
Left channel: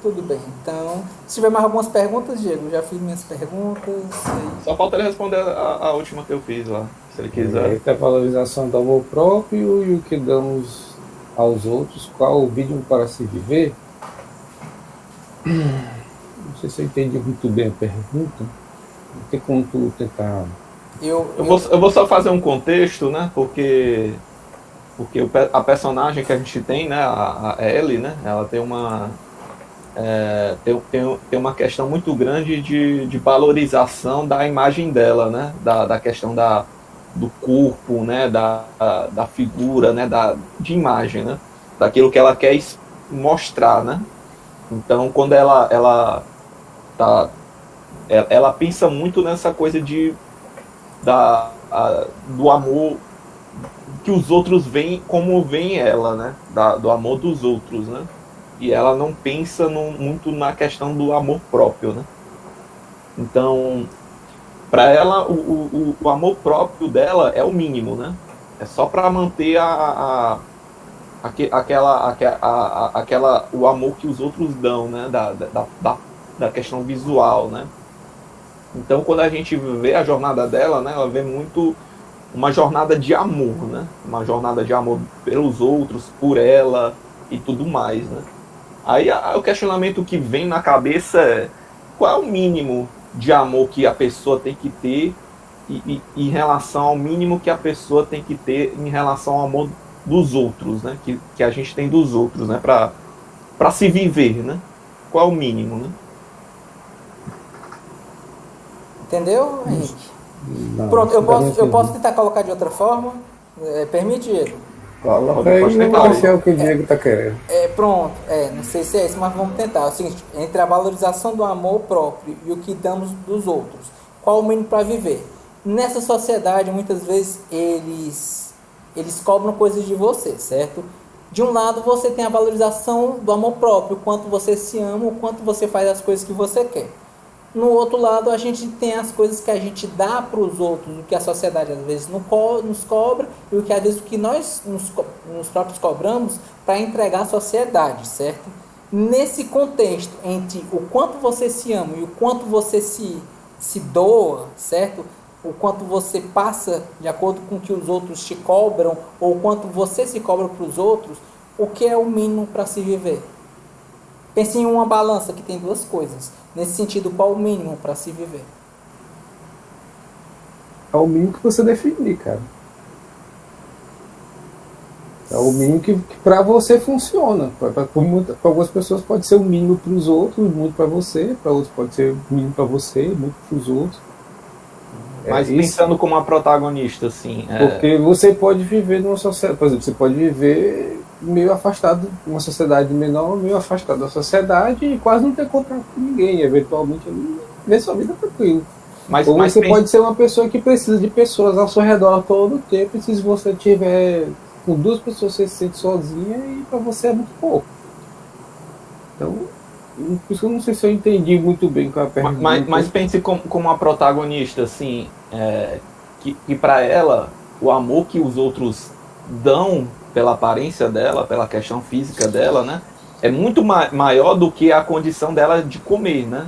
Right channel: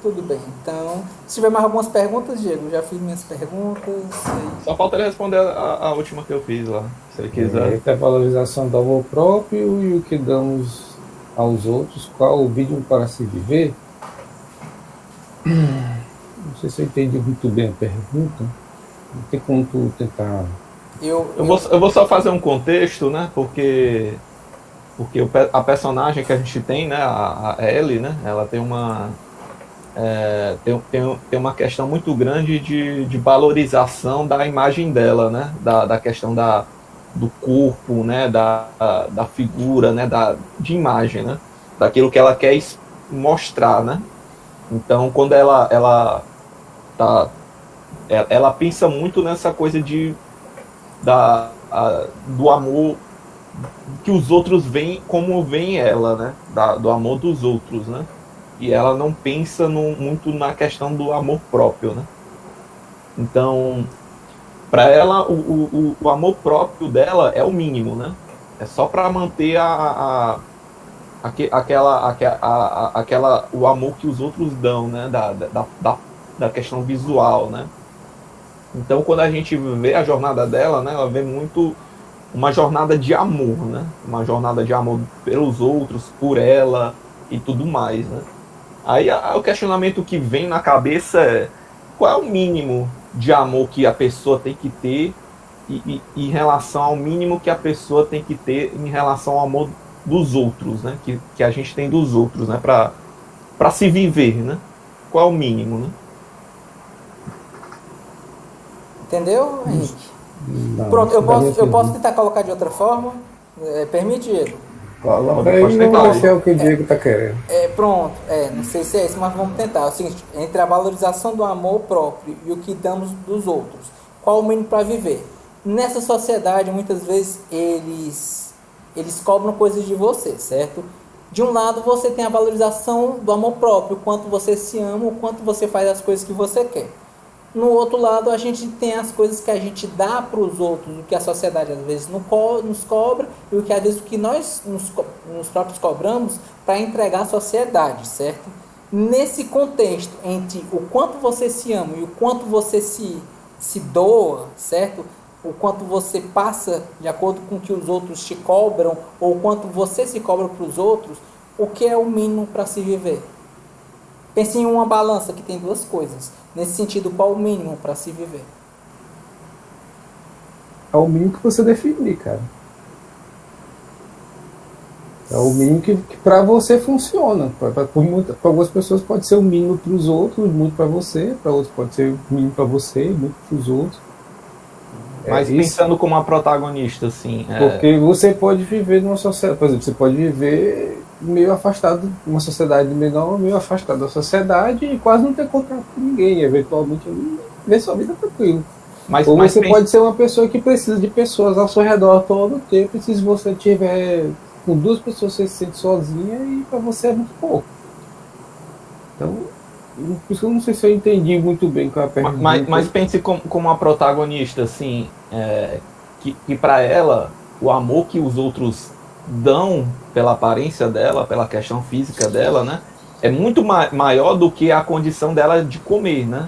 Tudo bem. Então, se tiver mais algumas perguntas, Diego, já fiz minhas perguntas. Só falta ele responder a última que eu fiz lá, se ele quiser. É a valorização do amor próprio e o que damos aos outros, qual o mínimo para se viver. Não sei se eu entendi muito bem a pergunta. Não tem como tu tentar. Eu vou só fazer um contexto, né? Porque a personagem que a gente tem, né? A Ellie, né? Ela tem uma tem uma questão muito grande de valorização da imagem dela, né? Da questão do corpo, né? Da figura, né? De imagem, né? Daquilo que ela quer mostrar, né? Então, quando ela pensa muito nessa coisa do amor que os outros veem como veem ela, né? Do amor dos outros, né? E ela não pensa muito na questão do amor próprio, né? Então, para ela, o amor próprio dela é o mínimo, né? É só para manter o amor que os outros dão, né? Da questão visual, né? Então, quando a gente vê a jornada dela, né? Ela vê muito uma jornada de amor, né? Uma jornada de amor pelos outros, por ela e tudo mais, né? Aí o questionamento que vem na cabeça é: qual é o mínimo de amor que a pessoa tem que ter em relação ao mínimo que a pessoa tem que ter em relação ao amor dos outros, né? Que a gente tem dos outros, né? Para se viver, né? Qual é o mínimo, né? Entendeu, Henrique? Não, Pronto, eu posso tentar. tentar colocar de outra forma? Permite, Diego? Coloca aí, eu acho que é o que o Diego está querendo. Pronto, não sei se é isso, mas vamos tentar. É o seguinte: entre a valorização do amor próprio e o que damos dos outros, qual o mínimo para viver? Nessa sociedade, muitas vezes, eles cobram coisas de você, certo? De um lado, você tem a valorização do amor próprio, o quanto você se ama, o quanto você faz as coisas que você quer. No outro lado, a gente tem as coisas que a gente dá para os outros, o que a sociedade às vezes nos cobra, e o que às vezes o que nós nos próprios cobramos para entregar à sociedade, certo? Nesse contexto, entre o quanto você se ama e o quanto você se doa, certo? O quanto você passa de acordo com o que os outros te cobram, ou o quanto você se cobra para os outros, o que é o mínimo para se viver? Pense em uma balança que tem duas coisas. Nesse sentido, qual o mínimo para se viver? É o mínimo que você definir, cara. É o mínimo que para você funciona. Para algumas pessoas pode ser o mínimo para os outros, muito para você. Para outros pode ser o mínimo para você, muito para os outros. Mas pensando como uma protagonista, assim... Porque você pode viver numa sociedade... Por exemplo, você pode viver meio afastado, uma sociedade menor, meio afastado da sociedade e quase não ter contato com ninguém. Eventualmente, ver sua vida tranquilo. Ou você pode ser uma pessoa que precisa de pessoas ao seu redor todo o tempo, e se você tiver com duas pessoas, você se sente sozinha e para você é muito pouco. Então, por isso que eu não sei se eu entendi muito bem qual é a pergunta. Mas pense como uma protagonista, assim, que para ela, o amor que os outros dão pela aparência dela, pela questão física dela, né, é muito maior do que a condição dela de comer, né?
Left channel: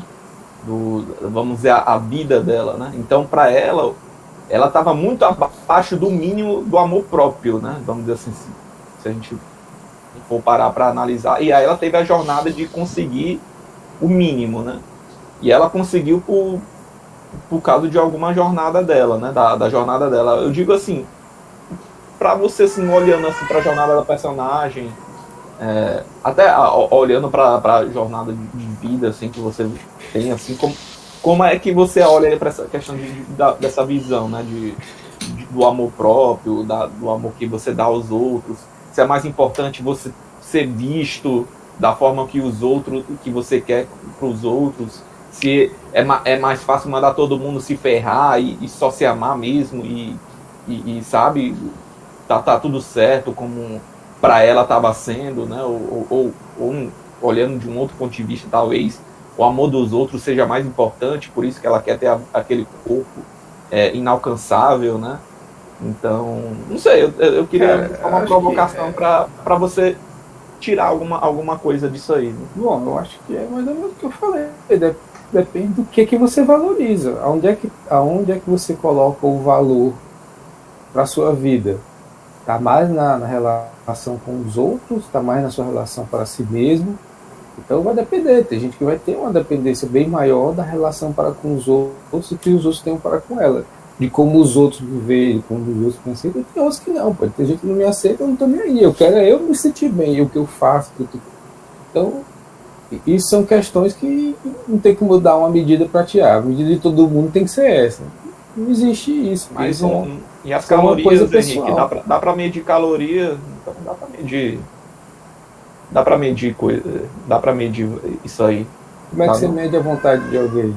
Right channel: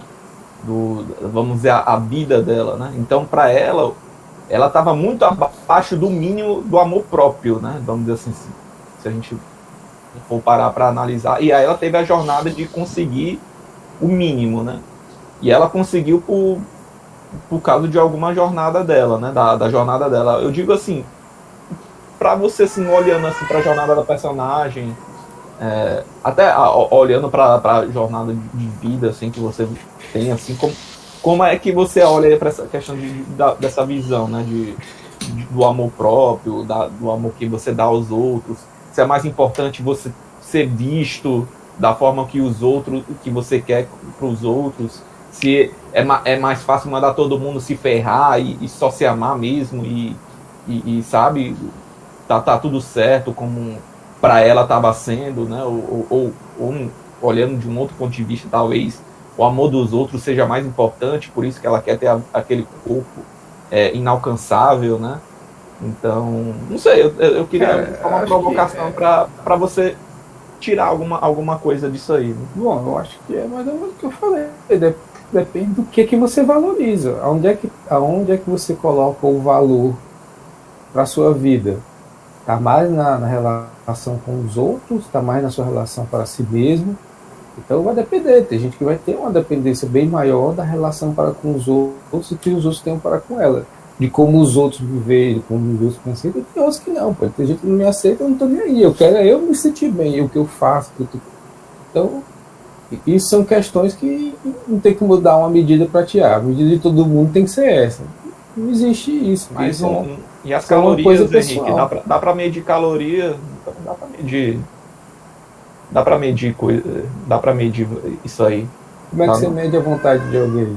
vamos dizer, a vida dela, né? Então, para ela estava muito abaixo do mínimo do amor próprio, né? Vamos dizer assim, se a gente for parar para analisar. E aí ela teve a jornada de conseguir o mínimo, né? E ela conseguiu por causa de alguma jornada dela, né? Da jornada dela. Eu digo assim, para você, assim, olhando assim, para a jornada da personagem, até olhando para a jornada de vida assim, que você tem, assim, como é que você olha para essa questão dessa visão, né? Do amor próprio, do amor que você dá aos outros? Se é mais importante você ser visto da forma que os outros, que você quer para os outros, se é mais fácil mandar todo mundo se ferrar e só se amar mesmo e sabe, tá tudo certo como para ela estava sendo, né? Ou olhando de um outro ponto de vista, talvez o amor dos outros seja mais importante, por isso que ela quer ter aquele corpo inalcançável, né? Então, não sei, eu queria uma provocação para você tirar alguma coisa disso aí. Né? Bom, eu acho que é mais ou menos o que eu falei. Depende do que você valoriza. Aonde é que você coloca o valor para a sua vida? Está mais na relação com os outros? Está mais na sua relação para si mesmo? Então vai depender. Tem gente que vai ter uma dependência bem maior da relação para com os outros do que os outros têm para com ela. De como os outros me veem, de como os outros me aceitam. Tem outros que não. Pode ter gente que não me aceita, eu não estou nem aí. Eu quero eu me sentir bem, o que eu faço. Então, isso são questões que não tem como dar uma medida para tirar. A medida de todo mundo tem que ser essa. Não existe isso. Mas e as é uma calorias, coisa Henrique? pessoal. Dá para medir caloria? Dá para medir coisa, dá para medir isso aí. Como é que você mede a vontade de alguém?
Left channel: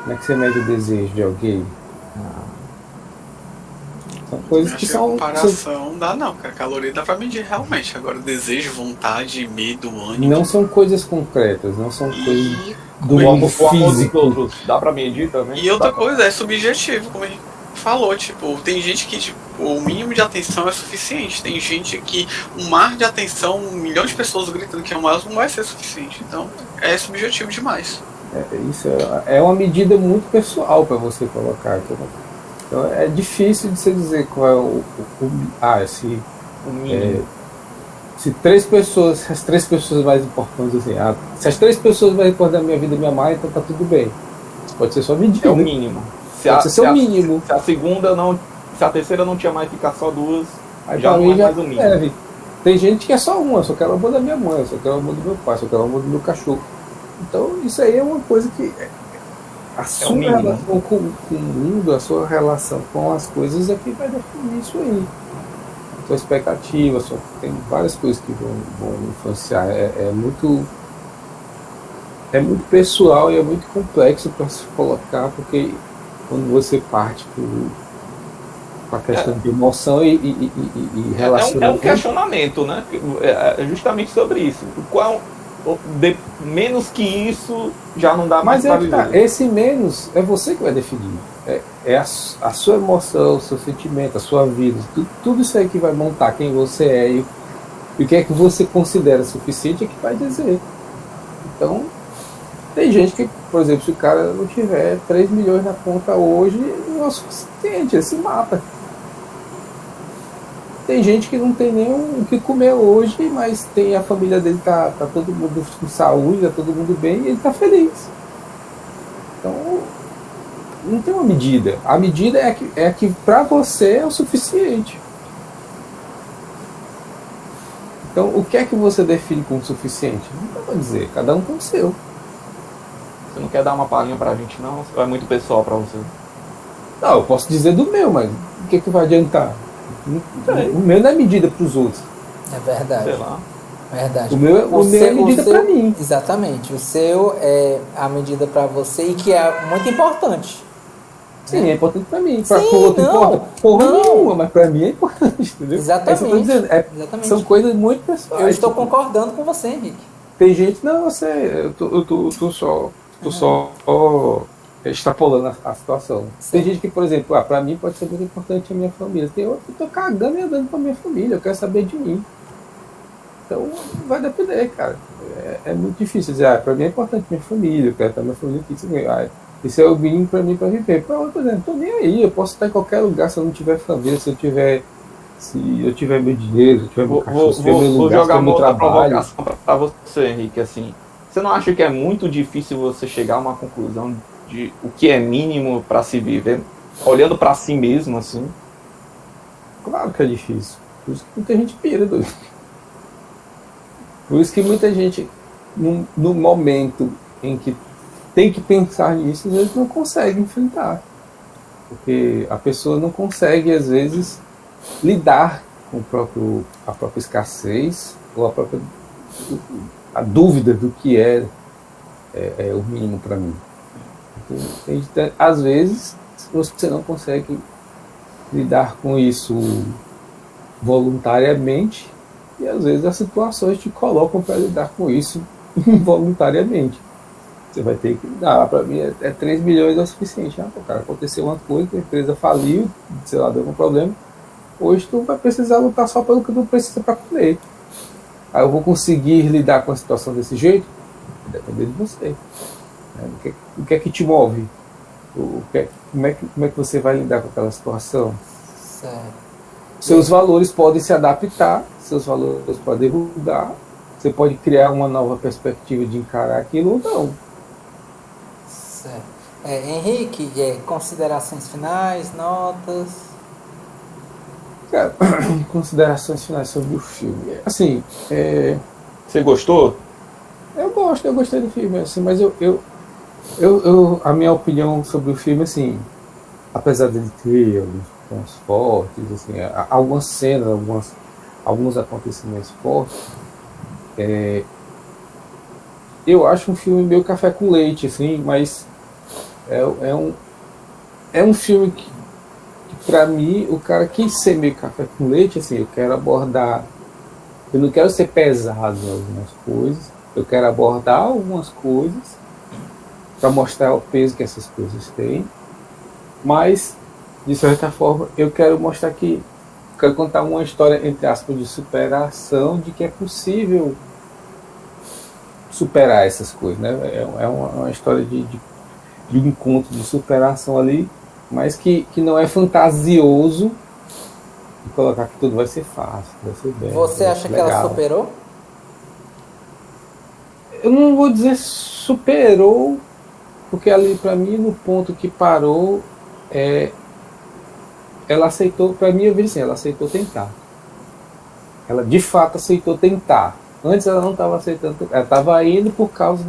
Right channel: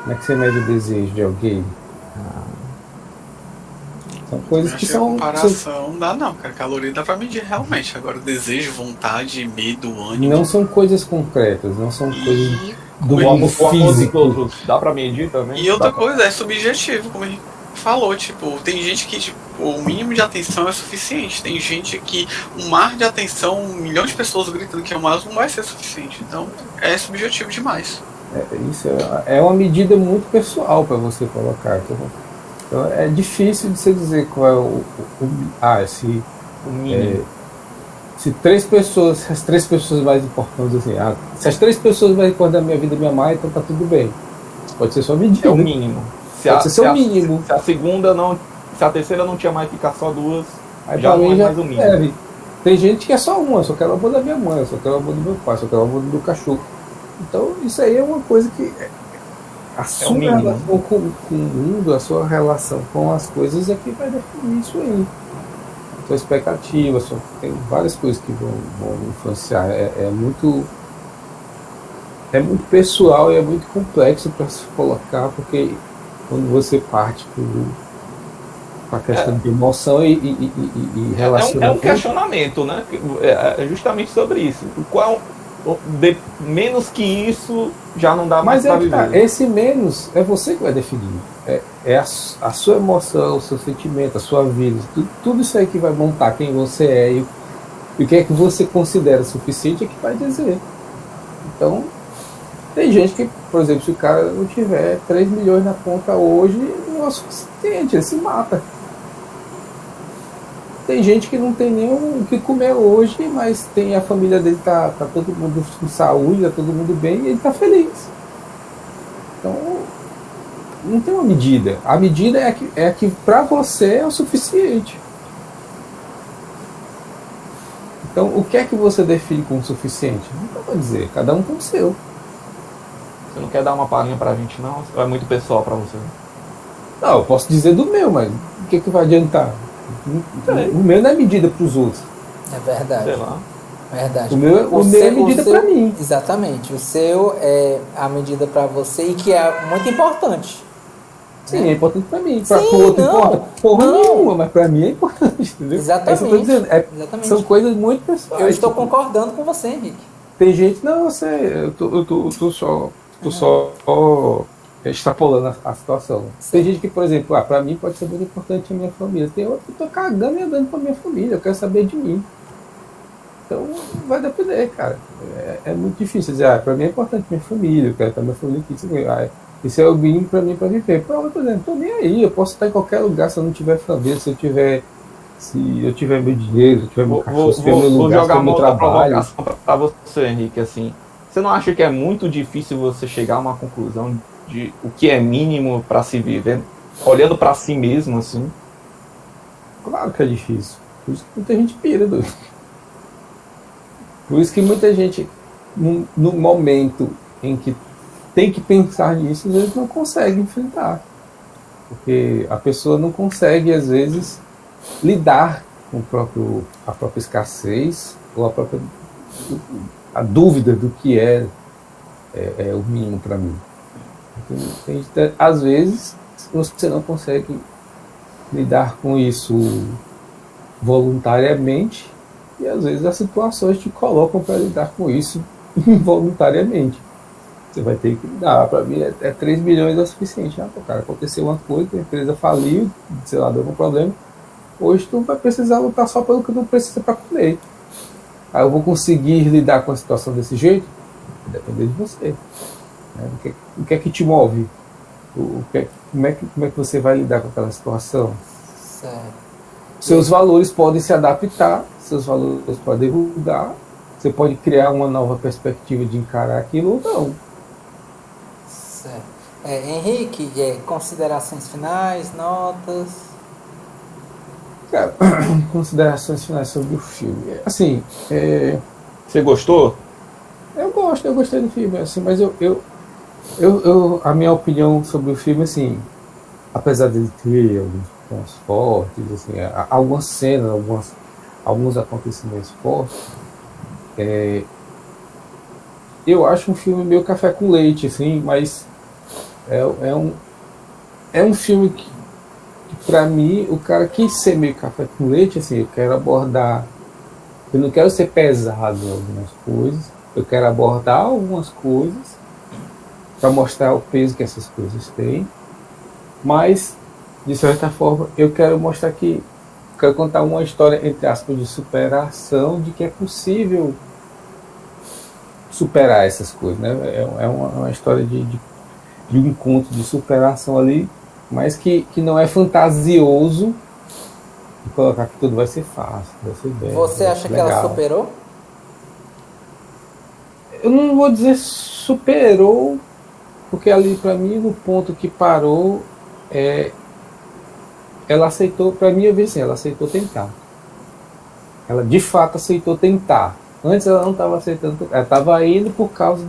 Como é que você mede o desejo de alguém? São coisas que são... comparação não dá não, cara. Caloria dá pra medir realmente. Agora desejo, vontade, medo, ânimo... Não são coisas concretas, não são coisas do O mundo amor dos físico. outros, dá para medir também? E outra coisa, é subjetivo, como a gente falou, tipo, tem gente que tipo, o mínimo de atenção é suficiente. Tem gente que um mar de atenção, 1 milhão de pessoas gritando que é mais, não vai ser suficiente. Então, é subjetivo demais. Isso é uma medida muito pessoal para você colocar. Então, é difícil de você dizer qual é o mínimo. Se as 3 pessoas mais importantes, assim, se as 3 pessoas mais importantes da minha vida me amarem, então tá tudo bem. Isso pode ser só medida. É o mínimo. Pode ser o mínimo. Se a terceira não tinha mais, ficar só 2, Aí já não é já mais o mínimo. Tem gente que é só uma, só quero o amor da minha mãe, só quero o amor do meu pai, só quero o amor do meu cachorro. Então isso aí é uma coisa que a sua relação com o mundo, a sua relação com as coisas é que vai definir isso aí. A sua expectativa, tem várias coisas que vão influenciar. É muito pessoal e é muito complexo para se colocar, porque quando você parte com a questão de emoção e relacionamento... É um questionamento, né? É justamente sobre isso. Menos que isso já não dá mais para viver. Esse menos é você que vai definir. É a sua emoção, o seu sentimento, a sua vida, tudo isso aí que vai montar quem você é e o que é que você considera suficiente é que vai dizer. Então, tem gente que, por exemplo, se o cara não tiver 3 milhões na conta hoje, não é o suficiente, ele se mata. Tem gente que não tem nem o que comer hoje, mas tem a família dele, tá todo mundo com saúde, tá todo mundo bem, e ele tá feliz. Então, não tem uma medida. A medida é que para você é o suficiente. Então, o que é que você define como suficiente? Não vou dizer, cada um tem o seu. Você não quer dar uma palhinha pra gente, não? Ou é muito pessoal pra você? Não, eu posso dizer do meu, mas o que vai adiantar? O meu não é medida para os outros. É verdade. Sei lá. Verdade. O meu é medida para mim. Exatamente. O seu é a medida para você e que é muito importante. Sim, é importante para mim. Para o outro não, mas para mim é importante, entendeu? Exatamente. Exatamente. São coisas muito pessoais. Eu estou concordando com você, Henrique. Tem gente, não, eu sei, eu tô só extrapolando a situação. Sim. Tem gente que, por exemplo, para mim pode ser muito importante a minha família. Tem outro que eu tô cagando e andando pra minha família, eu quero saber de mim. Então, vai depender, cara. É muito difícil dizer, para mim é importante minha família, eu quero ter minha família aqui. Isso é o mínimo para mim para viver. Pra outra, né? Não tô nem aí, eu posso estar em qualquer lugar se eu não tiver família, se eu tiver meu dinheiro, se eu tiver meu cachorro, se eu tiver meu Vou lugar, se eu jogar tiver uma meu outra trabalho. provocação pra você, Henrique, assim. Você não acha que é muito difícil você chegar a uma conclusão de o que é mínimo para se viver, olhando para si mesmo, assim? Claro que é difícil. Por isso que muita gente pira, doido. Por isso que muita gente, no momento em que tem que pensar nisso, eles não conseguem enfrentar. Porque a pessoa não consegue, às vezes, lidar com a própria escassez ou a dúvida do que é o mínimo para mim. Então, às vezes, você não consegue lidar com isso voluntariamente e às vezes as situações te colocam para lidar com isso involuntariamente. Você vai ter que lidar. Para mim, 3 milhões é o suficiente. Cara, aconteceu uma coisa, a empresa faliu, sei lá, deu um problema. Hoje tu vai precisar lutar só pelo que tu precisa para comer. Aí eu vou conseguir lidar com a situação desse jeito? Vai depender de você. O que é que te move? Como é que você vai lidar com aquela situação? Certo. Seus valores podem se adaptar, seus valores podem mudar. Você pode criar uma nova perspectiva de encarar aquilo ou não. Certo. Henrique, considerações finais, notas? Cara, considerações finais sobre o filme. Assim, Você gostou? eu gostei do filme, assim, mas a minha opinião sobre o filme, assim, apesar dele ter alguns pontos fortes, assim, algumas cenas, alguns acontecimentos fortes, eu acho um filme meio café com leite, assim, mas é um filme que pra mim, o cara quis ser meio café com leite, assim, eu quero abordar, eu não quero ser pesado em algumas coisas, eu quero abordar algumas coisas para mostrar o peso que essas coisas têm, mas, de certa forma, eu quero mostrar quero contar uma história, entre aspas, de superação, de que é possível superar essas coisas, né? É uma história de encontro, de superação ali, mas que não é fantasioso de colocar que tudo vai ser fácil, vai ser bem. Você acha que ela superou? Eu não vou dizer superou, porque ali para mim no ponto que parou, ela aceitou, para mim eu vejo assim, ela aceitou tentar. Ela de fato aceitou tentar. Antes ela não estava aceitando, ela estava indo por causa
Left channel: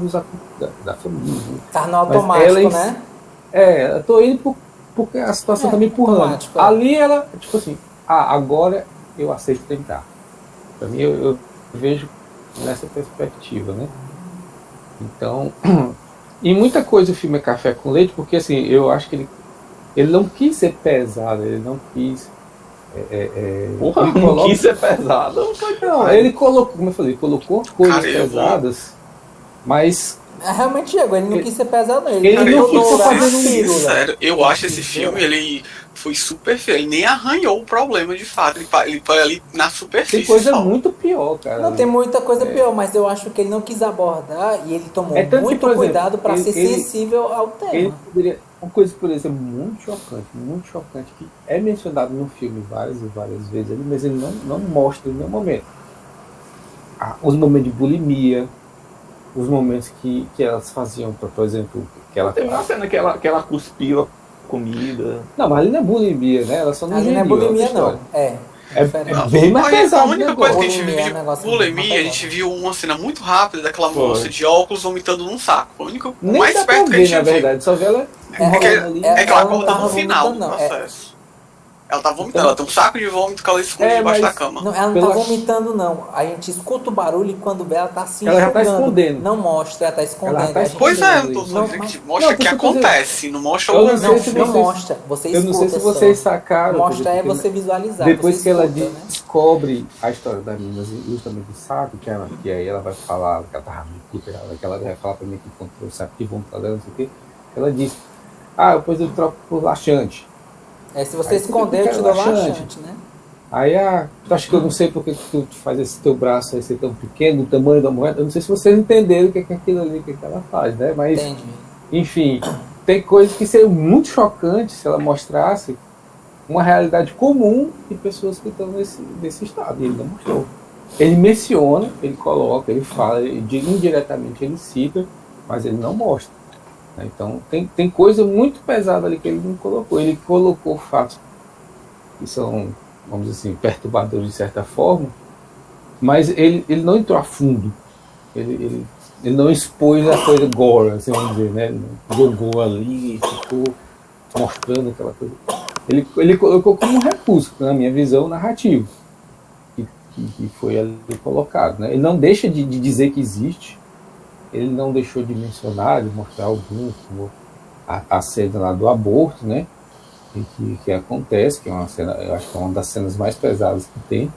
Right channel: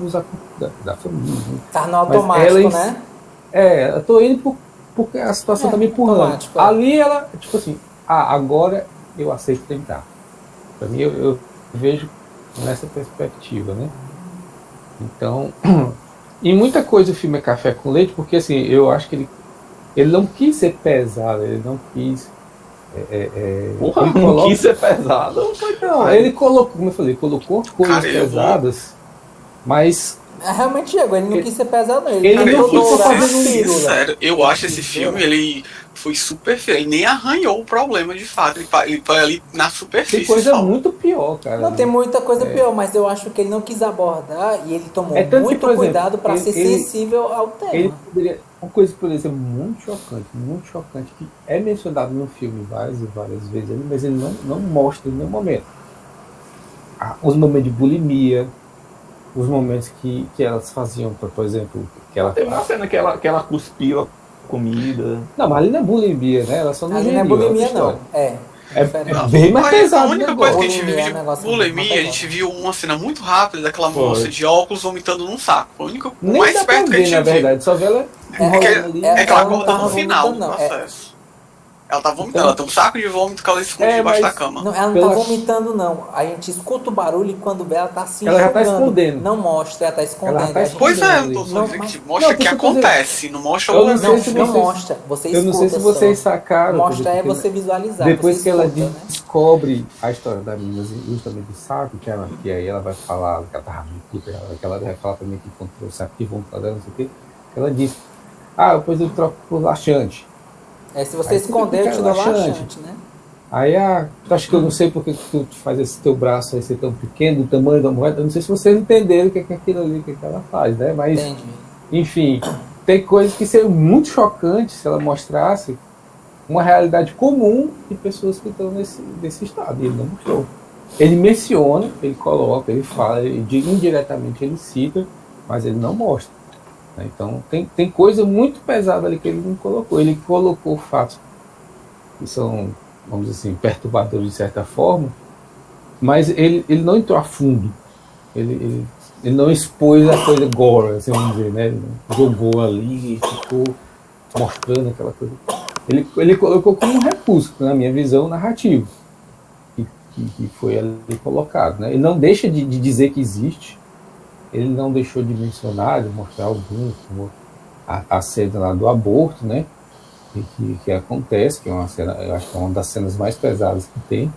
da família. Tá no automático, né? Eu tô indo porque a situação tá me empurrando. Ali ela, tipo assim, agora eu aceito tentar. Para mim eu vejo nessa perspectiva, né? Então, e muita coisa o filme é café com leite, porque assim, eu acho que ele não quis ser pesado, ele não quis. Porra, não quis ser pesado. Não, ele colocou, como eu falei, colocou coisas pesadas, mas. Realmente, Diego, ele não quis ser pesado, não. Ele não quis fazer sincero, eu acho esse filme, ele foi super feio, ele nem arranhou o problema de fato, ele foi ali na superfície. Tem coisa muito pior, cara. Não, tem muita coisa pior, mas eu acho que ele não quis abordar e ele tomou muito cuidado para ser sensível ao tema. Uma coisa que poderia ser muito chocante, que é mencionado no filme várias e várias vezes, mas ele não mostra em nenhum momento. Os momentos de bulimia, os momentos que elas faziam, por exemplo, que ela... Tem uma cena que ela cuspiu a comida. Não, mas ali não é bulimia, né? Ela só não ali não é bulimia, não. É bem mais pesado. A única coisa que a gente viu de bulimia, a gente viu uma cena muito rápida daquela moça de óculos vomitando num saco. O único mais perto que a gente viu. Na verdade, só vê ela aquela gorda no final do processo. Ela tá vomitando, ela tem um saco de vômito que ela esconde debaixo da cama. Não, ela não tá vomitando, não. A gente escuta o barulho e quando vê, ela tá se enxugando. Ela já tá escondendo. Não mostra, ela tá escondendo. Pois é, mostra o que acontece, não mostra o... Não mostra, você escuta. Eu não sei se vocês sacaram. Mostra você visualizar. Depois que ela descobre a história da menina, justamente do saco, que aí ela vai falar, que ela tava puta, que ela vai falar pra mim que encontrou o saco de vômito dela, não sei o quê. Ela diz, depois eu troco por laxante. Se você esconder, eu te dou laxante, né? Aí, tu acha que eu não sei porque que tu faz esse teu braço aí ser tão pequeno, do tamanho da moeda? Eu não sei se vocês entenderam o que é aquilo ali, o que ela faz, né? Mas, Entendi. enfim, tem coisas que seriam muito chocantes se ela mostrasse uma realidade comum de pessoas que estão nesse estado. E ele não mostrou. Ele menciona, ele coloca, ele fala, indiretamente ele cita, mas ele não mostra. Então, tem coisa muito pesada ali que ele não colocou. Ele colocou fatos que são, vamos dizer assim, perturbadores de certa forma, mas ele não entrou a fundo. Ele não expôs a coisa gore, assim, vamos dizer, né? Ele não jogou ali e ficou mostrando aquela coisa. Ele colocou como um recurso, na minha visão, narrativo, que foi ali colocado, né? Ele não deixa de dizer que existe, ele não deixou de mencionar, de mostrar alguns, como a cena lá do aborto, né? Que acontece, que é uma cena, eu acho que é uma das cenas mais pesadas que tem.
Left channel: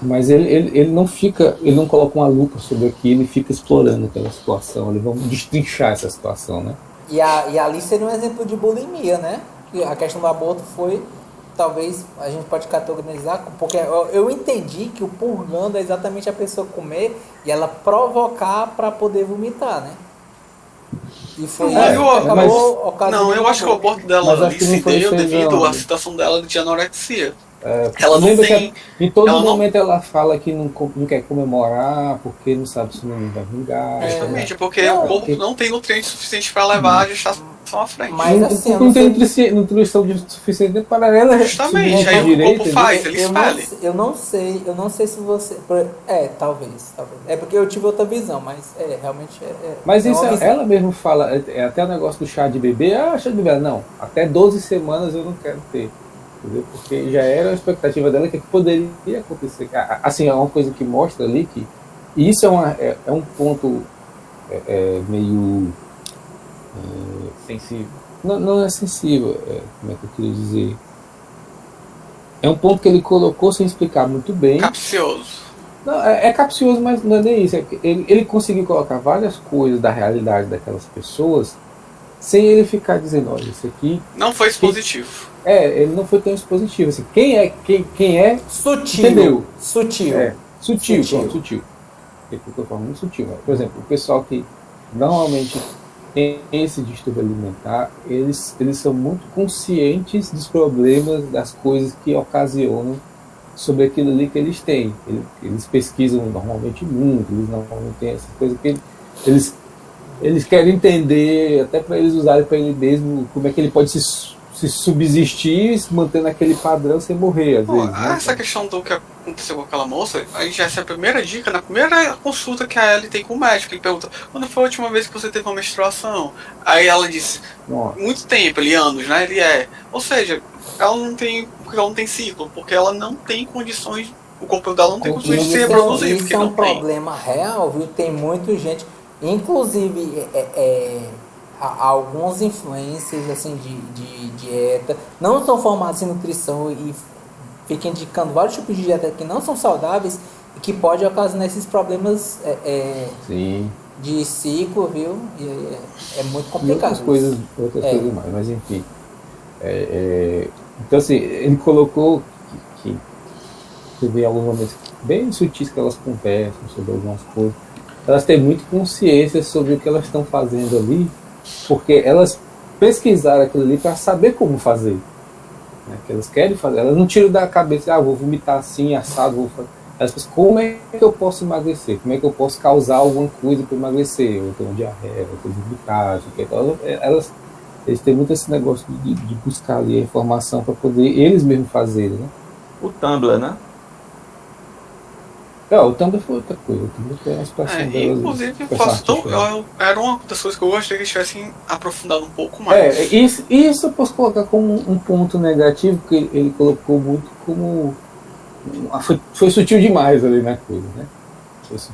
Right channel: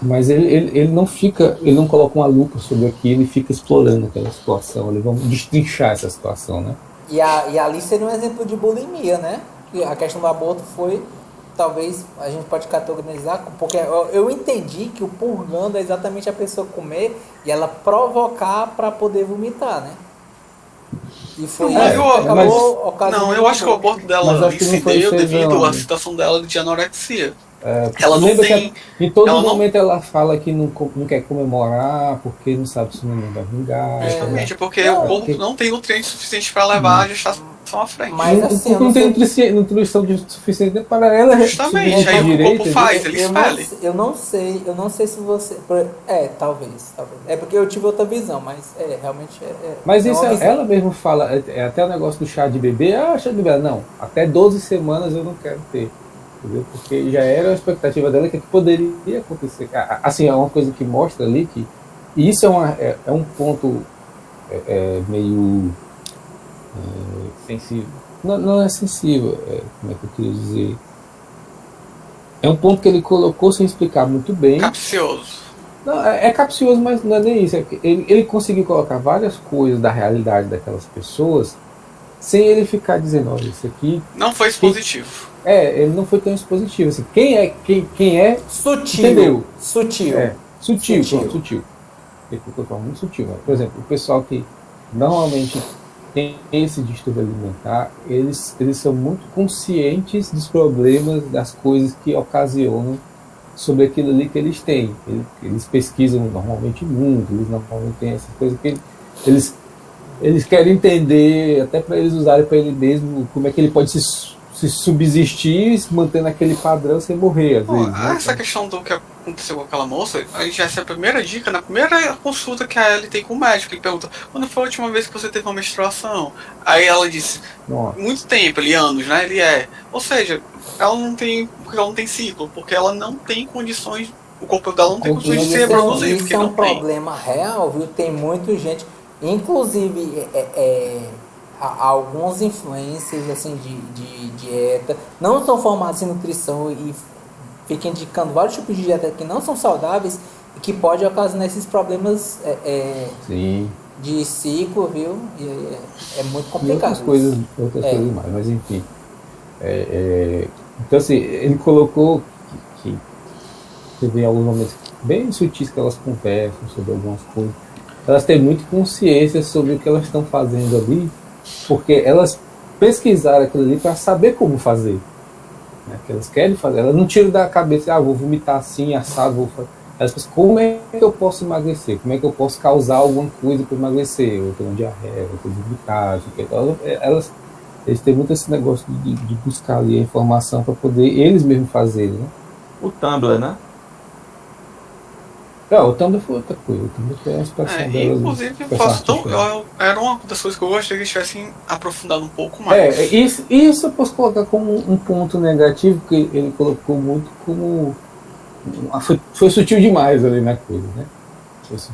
Mas ele não coloca uma lupa sobre aquilo e fica explorando aquela situação. Eles vão destrinchar essa situação, né? E ali seria um exemplo de bulimia, né? A questão do aborto foi, talvez a gente pode categorizar, porque eu entendi que o purgando é exatamente a pessoa comer e ela provocar para poder vomitar, né? E foi isso que acabou ocasionando. Não, eu acho que o aborto dela ali se deu devido à situação dela de anorexia. Ela não tem. Em todo momento ela fala que não quer comemorar porque não sabe se o menino vai vingar. Exatamente, porque o corpo não tem nutrientes suficientes para levar a gestação à frente. Mas assim, não tem nutrição suficiente para ela. Justamente, aí o corpo faz, ele espalha. Eu não sei se você. Talvez. É porque eu tive outra visão, mas realmente Mas isso ela mesmo fala, até o negócio do chá de bebê, chá de bebê, não, até 12 semanas eu não quero ter. Entendeu? Porque já era a expectativa dela que poderia acontecer. Assim, é uma coisa que mostra ali que isso é um ponto meio sensível. Não é sensível, como é que eu queria dizer? É um ponto que ele colocou sem explicar muito bem. Capcioso. Não, é capcioso, mas não é nem isso. Ele conseguiu colocar várias coisas da realidade daquelas pessoas sem ele ficar dizendo, olha, isso aqui... Não foi expositivo. Ele não foi tão expositivo. Assim, quem é... Sutil. Entendeu? Sutil. Sutil. Ele ficou muito sutil. Por exemplo, o pessoal que normalmente tem esse distúrbio alimentar, eles são muito conscientes dos problemas, das coisas que ocasionam sobre aquilo ali que eles têm. Eles pesquisam normalmente muito, eles normalmente têm essa coisa que eles querem entender, até para eles usarem para ele mesmo, como é que ele pode se subsistir, se manter naquele padrão sem morrer, às vezes. Essa questão do que aconteceu com aquela moça, a gente essa é a primeira dica, na primeira consulta que a Ellie tem com o médico. Ele pergunta, quando foi a última vez que você teve uma menstruação? Aí ela disse, muito tempo, anos, né? Ou seja, ela não tem ciclo, porque ela não tem condições, o corpo dela não tem condições de ser reproduzir. Isso é um problema real, viu? Tem muita gente, inclusive alguns influencers assim, de dieta, não são formados em nutrição e ficam indicando vários tipos de dieta que não são saudáveis e que pode ocasionar esses problemas de ciclo, viu? E é muito complicado. Outras coisas mais, mas enfim. Então assim, ele colocou que teve alguns momentos bem sutis que elas conversam sobre algumas coisas. Elas têm muita consciência sobre o que elas estão fazendo ali, porque elas pesquisaram aquilo ali para saber como fazer. Né? Que elas querem fazer. Elas não tiram da cabeça, vou vomitar assim, assado, vou fazer. Elas pensam, como é que eu posso emagrecer? Como é que eu posso causar alguma coisa para emagrecer? Eu tenho diarreia, eu tenho vomitar. Então, eles têm muito esse negócio de buscar ali a informação para poder eles mesmos fazerem. Né? O Tumblr, né? O Tumblr foi outra coisa. O Tumblr foi uma situação dela. Inclusive, era uma das coisas que eu gostaria que eles tivessem aprofundado um pouco mais. Isso eu posso colocar como um ponto negativo, que ele colocou muito como... Foi sutil demais ali na coisa, né?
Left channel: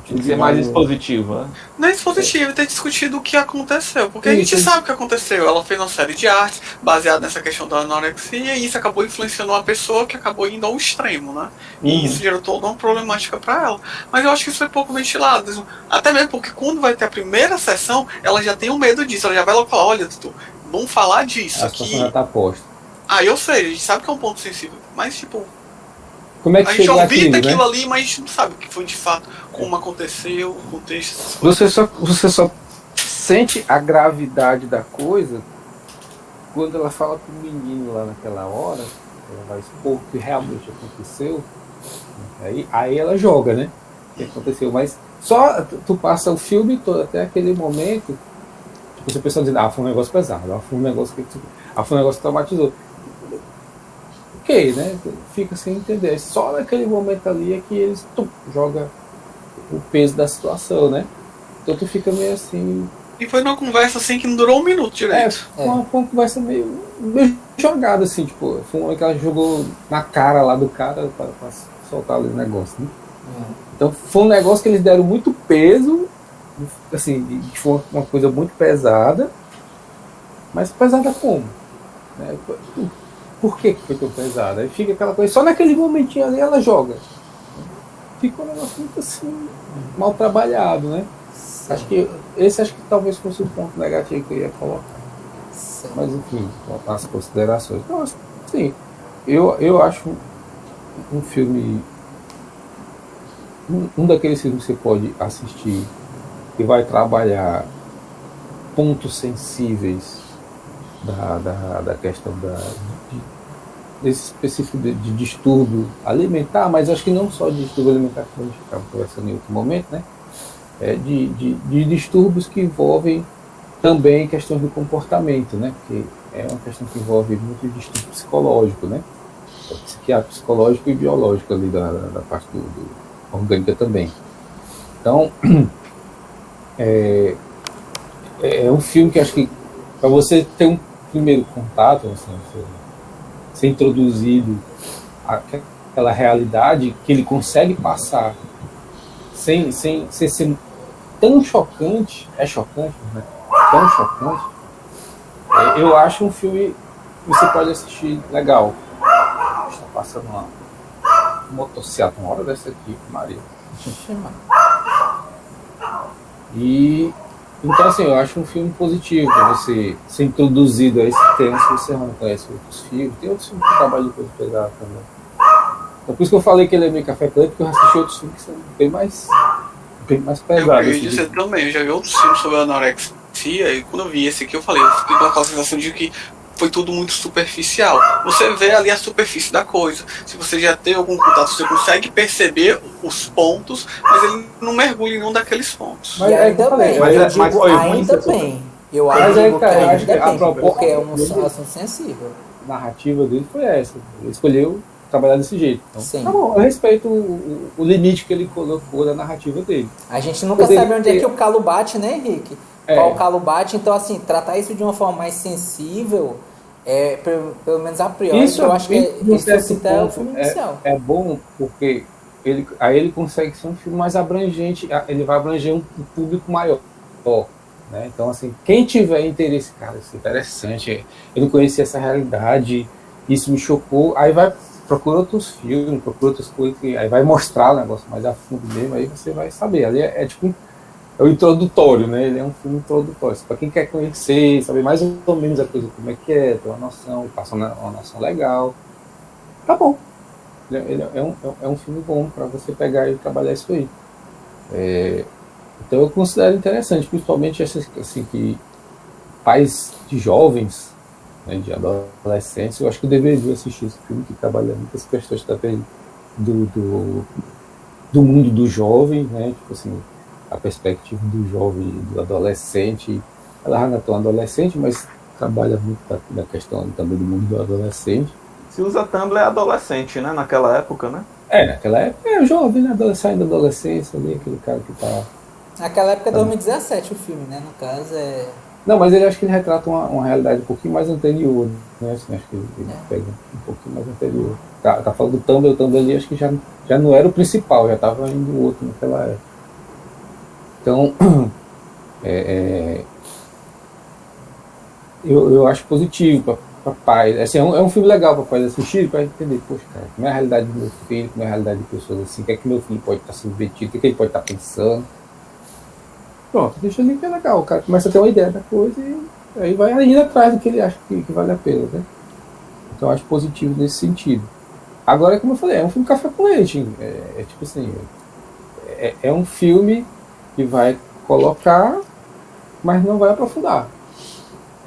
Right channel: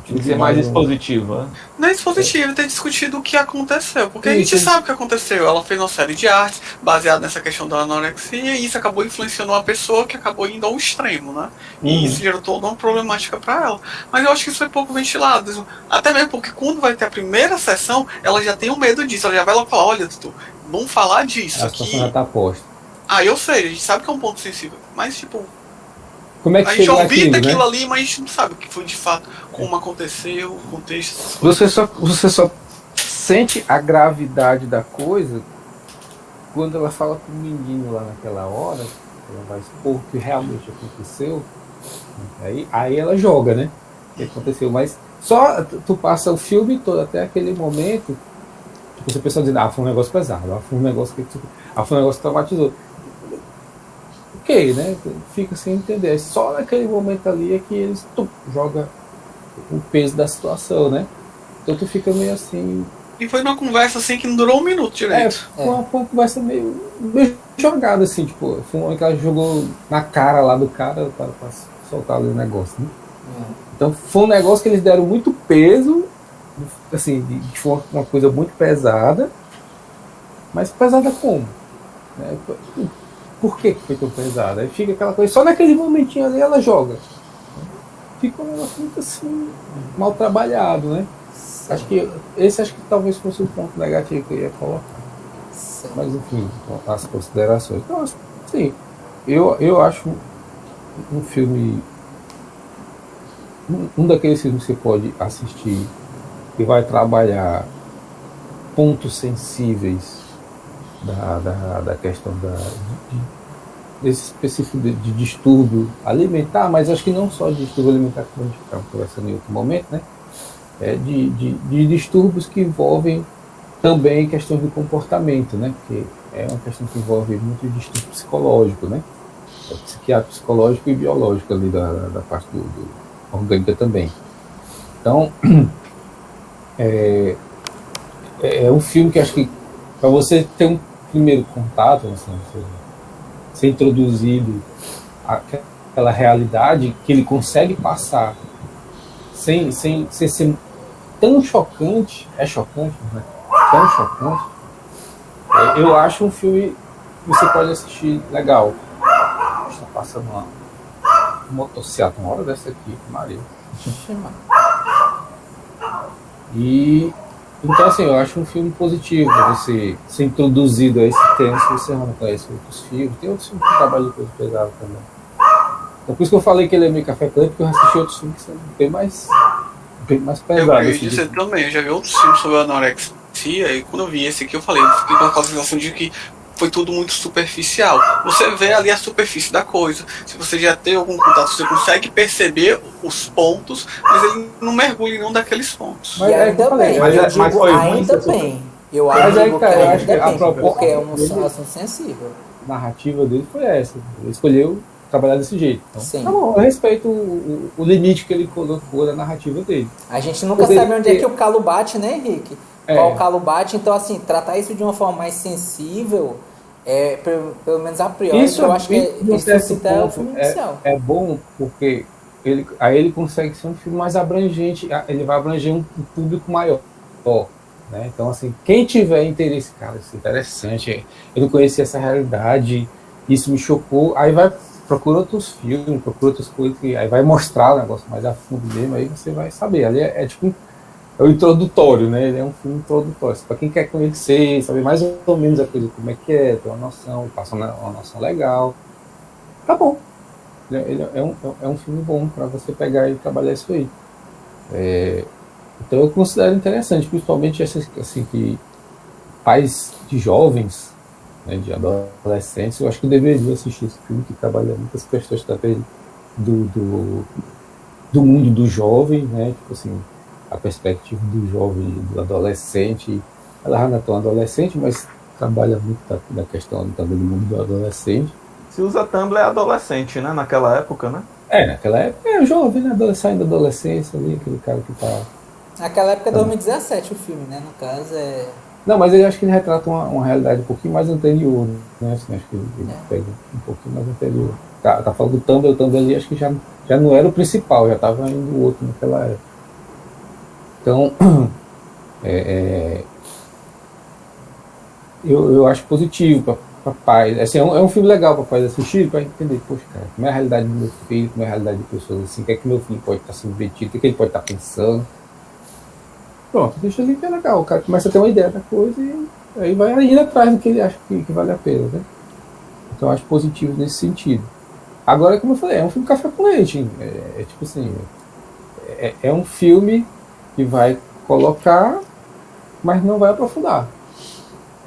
Tem que ser mais expositivo, né? Não é expositivo, ter discutido o que aconteceu. Porque a gente sabe o que aconteceu. Ela fez uma série de artes baseada nessa questão da anorexia e isso acabou influenciando uma pessoa que acabou indo ao extremo, né? E isso gerou toda uma problemática para ela. Mas eu acho que isso foi pouco ventilado. Até mesmo porque quando vai ter a primeira sessão, ela já tem um medo disso. Ela já vai lá falar, olha, Tutu, vamos falar disso a aqui. situação já está posta. Eu sei, a gente sabe que é um ponto sensível, mas tipo, Como é que a gente chegou ouvia aquilo, daquilo né? ali, mas a gente não sabe o que foi de fato, como aconteceu, o contexto. Você só sente a gravidade da coisa quando ela fala com o menino lá naquela hora, ela vai expor o que realmente aconteceu, aí ela joga, né? O que aconteceu, mas só tu passa o filme todo até aquele momento, você pensa dizendo, foi um negócio pesado, foi um negócio foi um negócio que traumatizou. Ok, né? Fica sem entender. Só naquele momento ali é que eles jogam o peso da situação, né? Então tu fica meio assim. E foi numa conversa assim que não durou um minuto direito. Uma conversa meio jogada, assim, tipo, foi uma que ela jogou na cara lá do cara para soltar ali o negócio, né? Então foi um negócio que eles deram muito peso, assim, foi uma coisa muito pesada, mas pesada como? Né? Por que foi tão pesada? Aí fica aquela coisa, só naquele momentinho ali ela joga. Fica um negócio muito assim, mal trabalhado, né? Acho que talvez fosse o ponto negativo que eu ia colocar. Sim. Mas enfim, as considerações. Então, assim, eu acho um filme. Um daqueles filmes que você pode assistir que vai trabalhar pontos sensíveis da questão desse específico de distúrbio alimentar, mas acho que não só de distúrbio alimentar que a gente estava conversando em outro momento, né? De distúrbios que envolvem também questões do comportamento, né? Porque é uma questão que envolve muito distúrbio psicológico, né? Psiquiátrico, psicológico e biológico ali da parte do orgânica também. Então, é um filme que acho que para você ter um primeiro contato, assim, ser introduzido àquela realidade que ele consegue passar sem ser tão chocante, né? Tão chocante, eu acho um filme que você pode assistir legal. Está passando uma motocicleta uma hora dessa aqui, Maria. E então, assim, eu acho um filme positivo para você ser introduzido a esse tema se você não conhece outros filmes. Tem outros filmes que trabalham de coisa pesada também. Então, por isso que eu falei que ele é meio café preto, porque eu assisti outros filmes que são bem mais pesados. Eu ia dizer também, eu já vi outros filmes sobre anorexia e quando eu vi esse aqui eu falei, eu fiquei com a sensação de que foi tudo muito superficial. Você vê ali a superfície da coisa. Se você já tem algum contato, você consegue perceber os pontos, mas ele não mergulha em nenhum daqueles pontos. E ainda bem, eu digo ainda bem. Eu digo que ainda bem, porque é um assunto sensível. A narrativa dele foi essa. Ele escolheu trabalhar desse jeito. Então, sim. Tá bom, eu respeito o limite que ele colocou da narrativa dele. A gente nunca sabe onde é que o calo bate, né, Henrique? Qual o calo bate, então assim, tratar isso de uma forma mais sensível, pelo menos a priori, isso, eu acho que isso é o filme inicial. É bom porque ele consegue ser um filme mais abrangente, ele vai abranger um público maior. Né? Então, assim, quem tiver interesse, cara, isso é interessante, eu não conhecia essa realidade, isso me chocou, aí vai procura outros filmes, procura outras coisas, aí vai mostrar o negócio mais a fundo mesmo, aí você vai saber. Ali tipo o introdutório, né? Ele é um filme introdutório. Para quem quer conhecer, saber mais ou menos a coisa, como é que é, ter uma noção, passar uma noção legal. Tá bom. Ele é um filme bom para você pegar e trabalhar isso aí. Então eu considero interessante, principalmente assim, que pais de jovens, né, de adolescentes, eu acho que eu deveria assistir esse filme que trabalha muitas questões também do mundo do jovem, né? Tipo assim, a perspectiva do jovem, do adolescente. Ela não é tão adolescente, mas trabalha muito na questão também do mundo do adolescente. Se usa Tumblr é adolescente, né? Naquela época, né? Naquela época é jovem, né? Saindo da adolescência, ali, aquele cara que tá... Naquela época é 2017 o filme, né? No caso Não, mas ele acho que ele retrata uma realidade um pouquinho mais anterior, né? Assim, acho que ele pega um pouquinho mais anterior. Tá falando do Tumblr, o Tumblr ali acho que já não era o principal, já estava indo o outro naquela época. Então, eu acho positivo para pais. Assim, é um filme legal para pais assistir, para entender, poxa, cara, como é a realidade do meu filho, como é a realidade de pessoas assim, o que é que meu filho pode estar submetido, o que ele pode estar pensando. Pronto, deixa ali que é legal. O cara começa a ter uma ideia da coisa e aí vai indo atrás do que ele acha que vale a pena, né? Então eu acho positivo nesse sentido. Agora, como eu falei, é um filme café com leite. Tipo assim, é um filme que vai colocar, mas não vai aprofundar.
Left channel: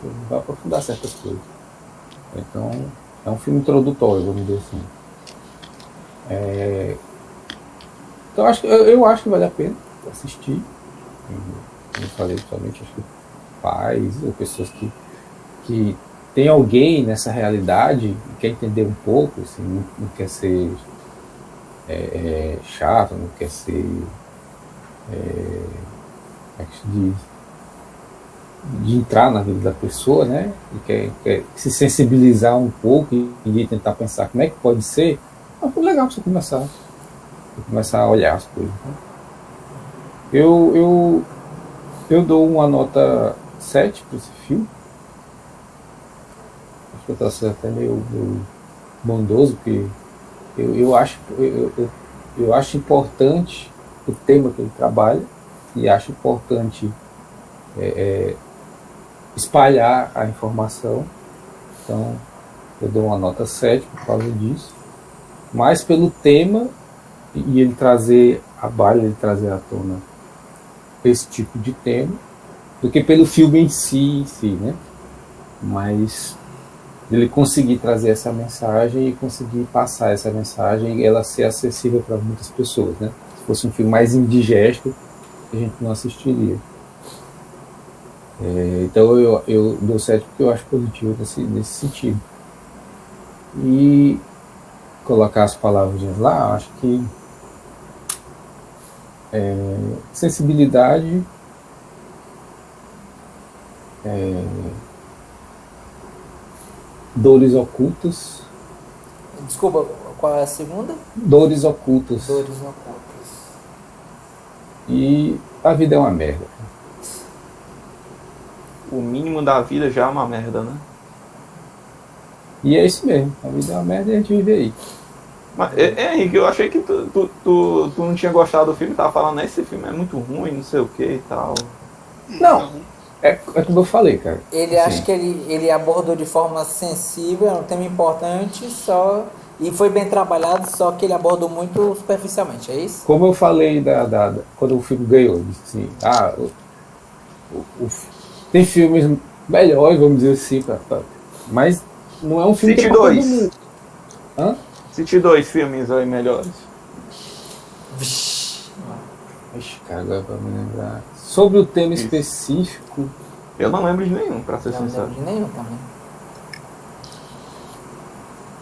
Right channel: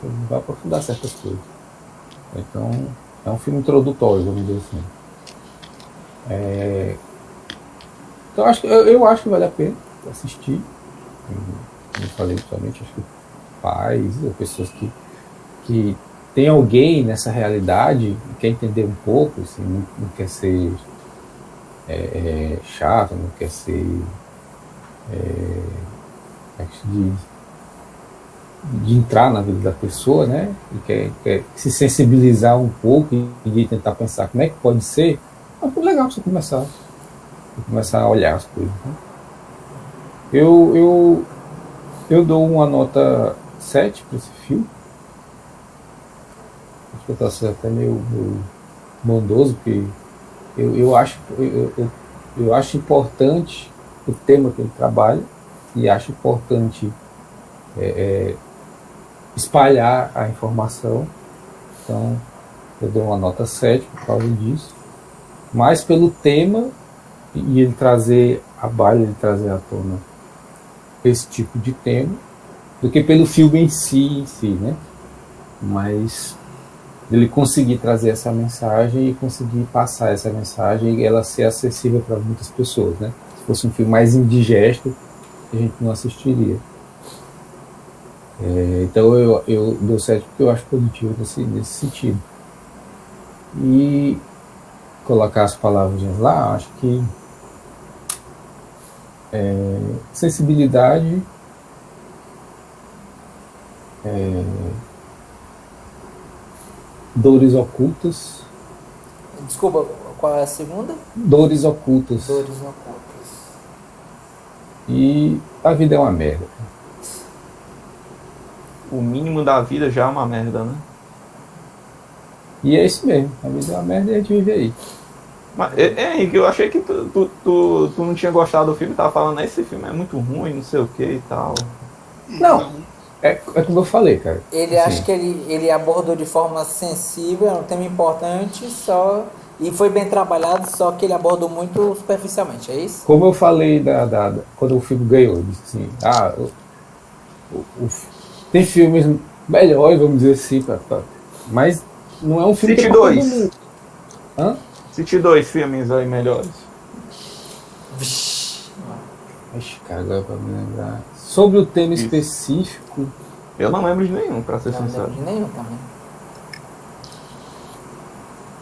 Não vai aprofundar certas coisas. Então, é um filme introdutório, vamos dizer assim. Então, eu acho que vale a pena assistir. Como eu falei, principalmente, acho que pais, ou pessoas que tem alguém nessa realidade e quer entender um pouco, assim, não quer ser chato, não quer ser de entrar na vida da pessoa, né? E quer se sensibilizar um pouco e tentar pensar como é que pode ser. É muito legal você começar a olhar as coisas. Né? Eu dou uma nota 7 para esse filme. Acho que eu estou sendo até meio bondoso, porque eu acho importante o tema que ele trabalha e acho importante espalhar a informação. Então eu dou uma nota 7 por causa disso, mais pelo tema e ele trazer à tona esse tipo de tema do que pelo filme em si, né? Mas ele conseguir trazer essa mensagem e conseguir passar essa mensagem e ela ser acessível para muitas pessoas, né? Se fosse um filme mais indigesto, a gente não assistiria. Então eu dou 7 porque eu acho positivo nesse sentido. E colocar as palavras lá, acho que sensibilidade, dores ocultas. Desculpa, qual é a segunda? Dores ocultas. Dores ocultas. E a vida é uma merda. O mínimo da vida já é uma merda, né? E é isso mesmo. A vida é uma merda e a gente vive aí. Mas, Henrique, eu achei que tu não tinha gostado do filme, tava falando, esse filme é muito ruim, não sei o que e tal. Não, é como eu falei, cara. Ele assim, acha que ele abordou de forma sensível, é um tema importante, e foi bem trabalhado, só que ele abordou muito superficialmente, é isso? Como eu falei quando o filme ganhou, eu disse assim, tem filmes melhores, vamos dizer assim, mas não é um filme Cite que é pra todo dois. mundo. Hã? Cite 2 filmes aí melhores. Vixe. Ixi, cara, agora pra me lembrar. Sobre o tema Isso. específico, Eu não lembro de nenhum, pra ser Não sincero. lembro de nenhum também.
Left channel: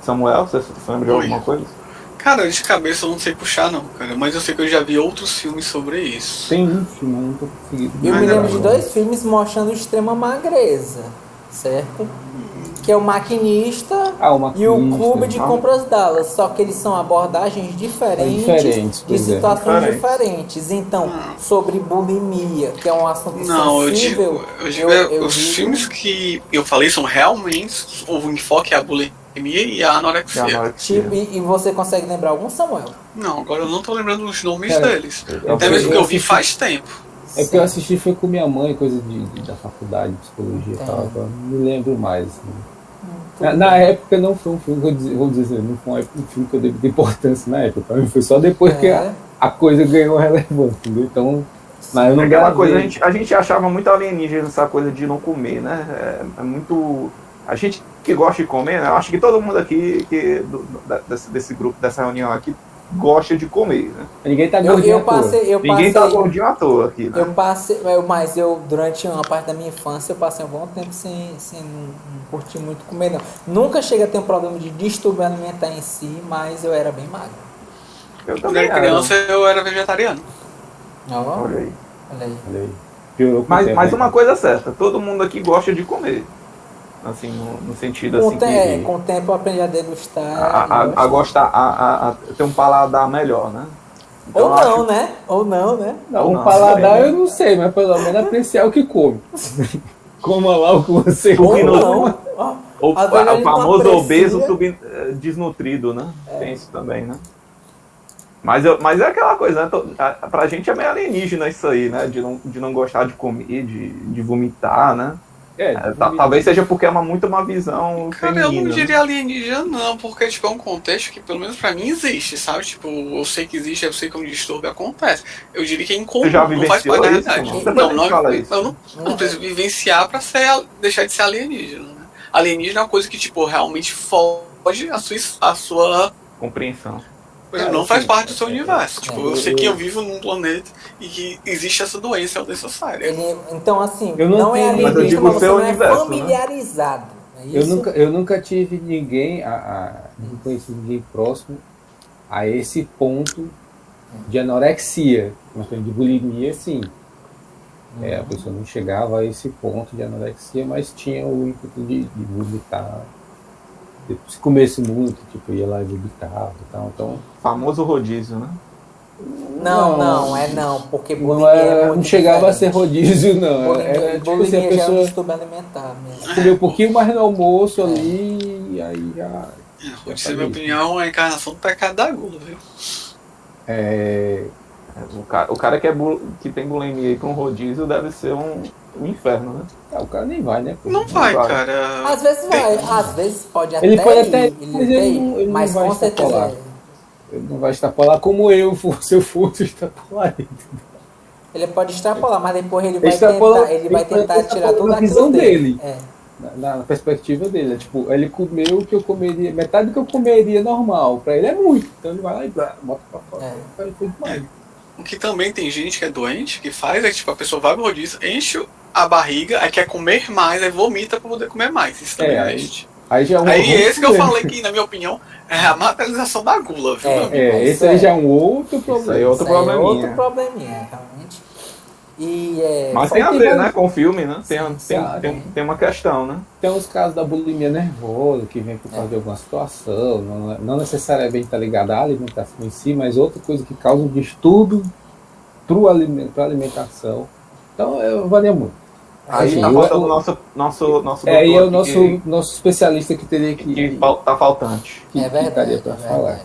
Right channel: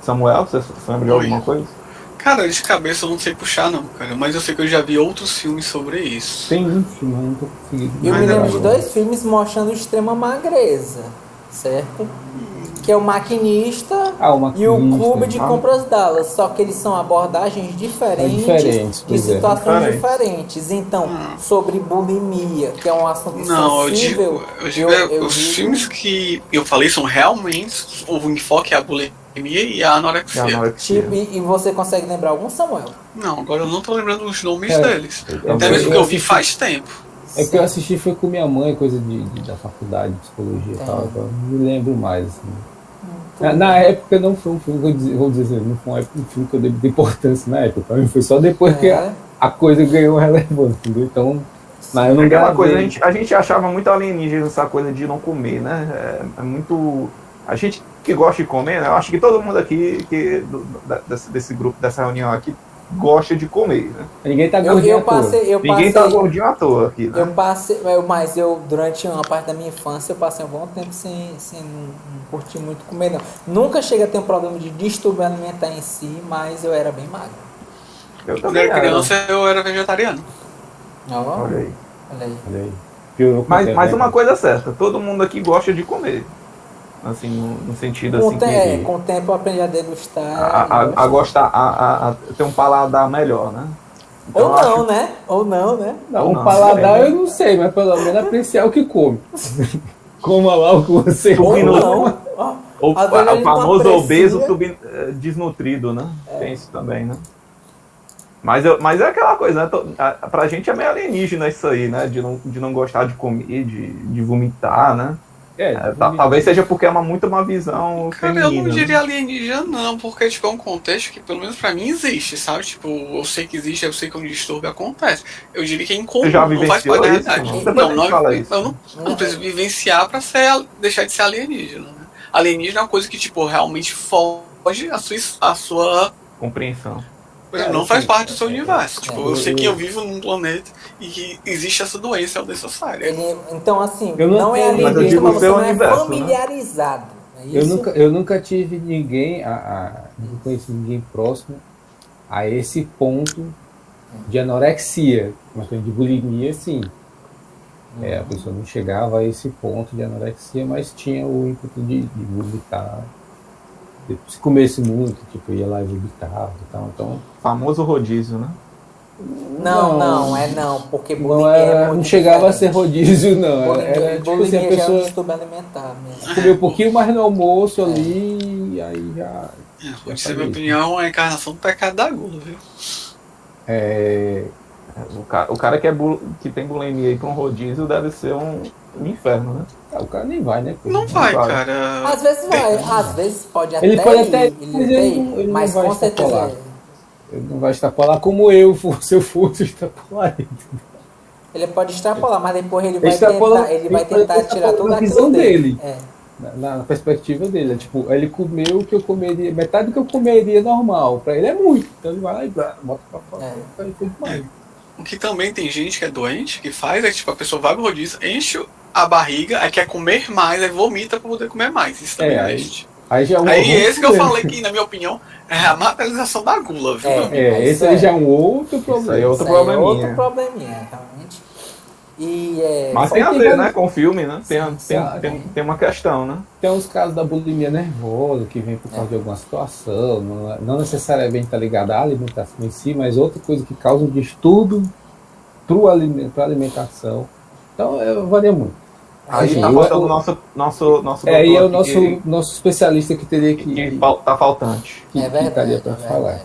Samuel, você lembra de alguma coisa? Cara, de cabeça eu não sei puxar não, cara. Mas eu sei que eu já vi outros filmes sobre isso. tem um filme, eu não tô conseguindo. Eu me Mas lembro era de bom. 2 filmes mostrando extrema magreza, certo? Que é o Maquinista, O e Maquinista, o Clube de Compras Dallas, só que eles são abordagens diferentes diferentes, de pois é. situações Diferentes. diferentes. Então, sobre bulimia, que é um assunto Não, sensível, eu digo os digo- filmes que eu falei são realmente o enfoque é a bulimia e a anorexia. Já na hora que tipo, e você consegue lembrar algum, Samuel? Não, agora eu não tô lembrando os nomes Cara, deles. eu- Até mesmo que eu vi assisti- faz tempo. É que eu assisti foi com minha mãe, coisa da faculdade de psicologia e tal, então eu não me lembro mais. Assim. Na época não foi um filme, vou dizer, não foi um filme que eu dei importância na época, pra mim foi só depois que a coisa ganhou relevância, entendeu? Então, mas eu não Aquela gravei. coisa, a gente achava muito alienígena essa coisa de não comer, né? É muito. A gente que gosta de comer, né? Eu acho que todo mundo aqui, desse grupo, dessa reunião aqui, gosta de comer, né? Ninguém tá Eu gordinho à toa. passei, Ninguém tá gordinho à toa aqui, né? mas durante uma parte da minha infância, eu passei um bom tempo sem não curtir muito comer, não. Nunca cheguei a ter um problema de distúrbio alimentar em si, mas eu era bem magro. Eu Quando também era criança eu era vegetariano. Ó, Olha aí. olha aí. Olha aí. Piorou com o tempo, Mas né? uma coisa é certa, todo mundo aqui gosta de comer. Assim, no sentido assim que Com o tempo eu aprendi a degustar. a gostar, a ter um paladar melhor, né? Então, Ou eu não, acho- né? Ou não, né? Não, Não, o paladar sei, né? eu não sei, mas pelo menos apreciar o que come. Coma lá o que você Ou come. não. Ó, Ou às vezes a o gente não famoso aprecia. obeso desnutrido, né? Tem isso também, né? Mas é aquela coisa, né? Pra gente é meio alienígena isso aí, né? De não gostar de comer, de vomitar, né? Talvez seja porque é muito uma visão Cara, feminina. eu não né? diria alienígena não, porque tipo, é um contexto que pelo menos pra mim existe, sabe? Tipo, eu sei que existe, eu sei que um distúrbio acontece. Eu diria que é incomum, Você já não faz parte da vivenciou isso, realidade. mano? Depois a gente fala isso. Eu não preciso vivenciar pra deixar de ser alienígena. Né? Alienígena é uma coisa que tipo, realmente foge a sua Compreensão. não faz parte do seu universo. Tipo, eu sei que eu eu- vivo num planeta e que existe essa doença, é o necessário. Então, assim, Eu não não é tenho, mas eu alienígena, digo mas você seu não é universo, né? familiarizado. É isso? eu nunca tive ninguém, não conheci ninguém próximo a esse ponto de anorexia. Mas de bulimia, sim. A pessoa não chegava a esse ponto de anorexia, mas tinha o ímpeto de vomitar. Se comesse muito, tipo, ia lá e vomitava e tal. Então, Famoso rodízio, né? Não, porque bulimia é muito não chegava a ser diferente. rodízio, não. Bulimia, Tipo assim, a bulimia já é um pessoa distúrbio alimentar mesmo. comeu um pouquinho mais no almoço ali, e aí já. Pode ser, minha opinião, é a encarnação do pecado da gula, viu? O cara que tem bulimia aí com rodízio deve ser um inferno, né? O cara nem vai, né? Não vai, vai. cara. Às vezes vai, às vezes pode até Ele pode ir, até- ele mas até ele ir, não- ele não mas vai com certeza extrapolar. Ele não vai extrapolar como se eu fosse extrapolar. ele pode extrapolar, mas depois ele vai Extrapolar- tentar, ele vai ele tentar vai tirar tudo extrapolar na aquilo visão dele. dele. Na perspectiva dele. É tipo, ele comeu o que eu comeria, metade do que eu comeria normal. Pra ele é muito. Então ele vai lá e bota pra fora. Foi demais. O que também tem gente que é doente, que faz é tipo, a pessoa vai pro rodízio, enche a barriga, aí quer comer mais, aí vomita pra poder comer mais. Isso também existe. Aí já é um Aí esse que eu problema. falei que, na minha opinião, é a materialização da gula, viu? Esse Isso aí é. já é um outro Isso problema. aí é outro Isso aí é probleminha. outro probleminha, realmente. E Mas tem a tem ver, vários- né, com o filme, né? Sim, Tem uma questão, né? Tem uns casos da bulimia nervosa que vem por causa de alguma situação, não necessariamente está ligada à alimentação em si, mas outra coisa que causa um distúrbio para a alimentação. Então, varia muito. Aí tá eu- faltando nosso Aí é o doutor aqui nosso especialista que teria que tá faltante. que É verdade, ficaria é pra verdade. falar.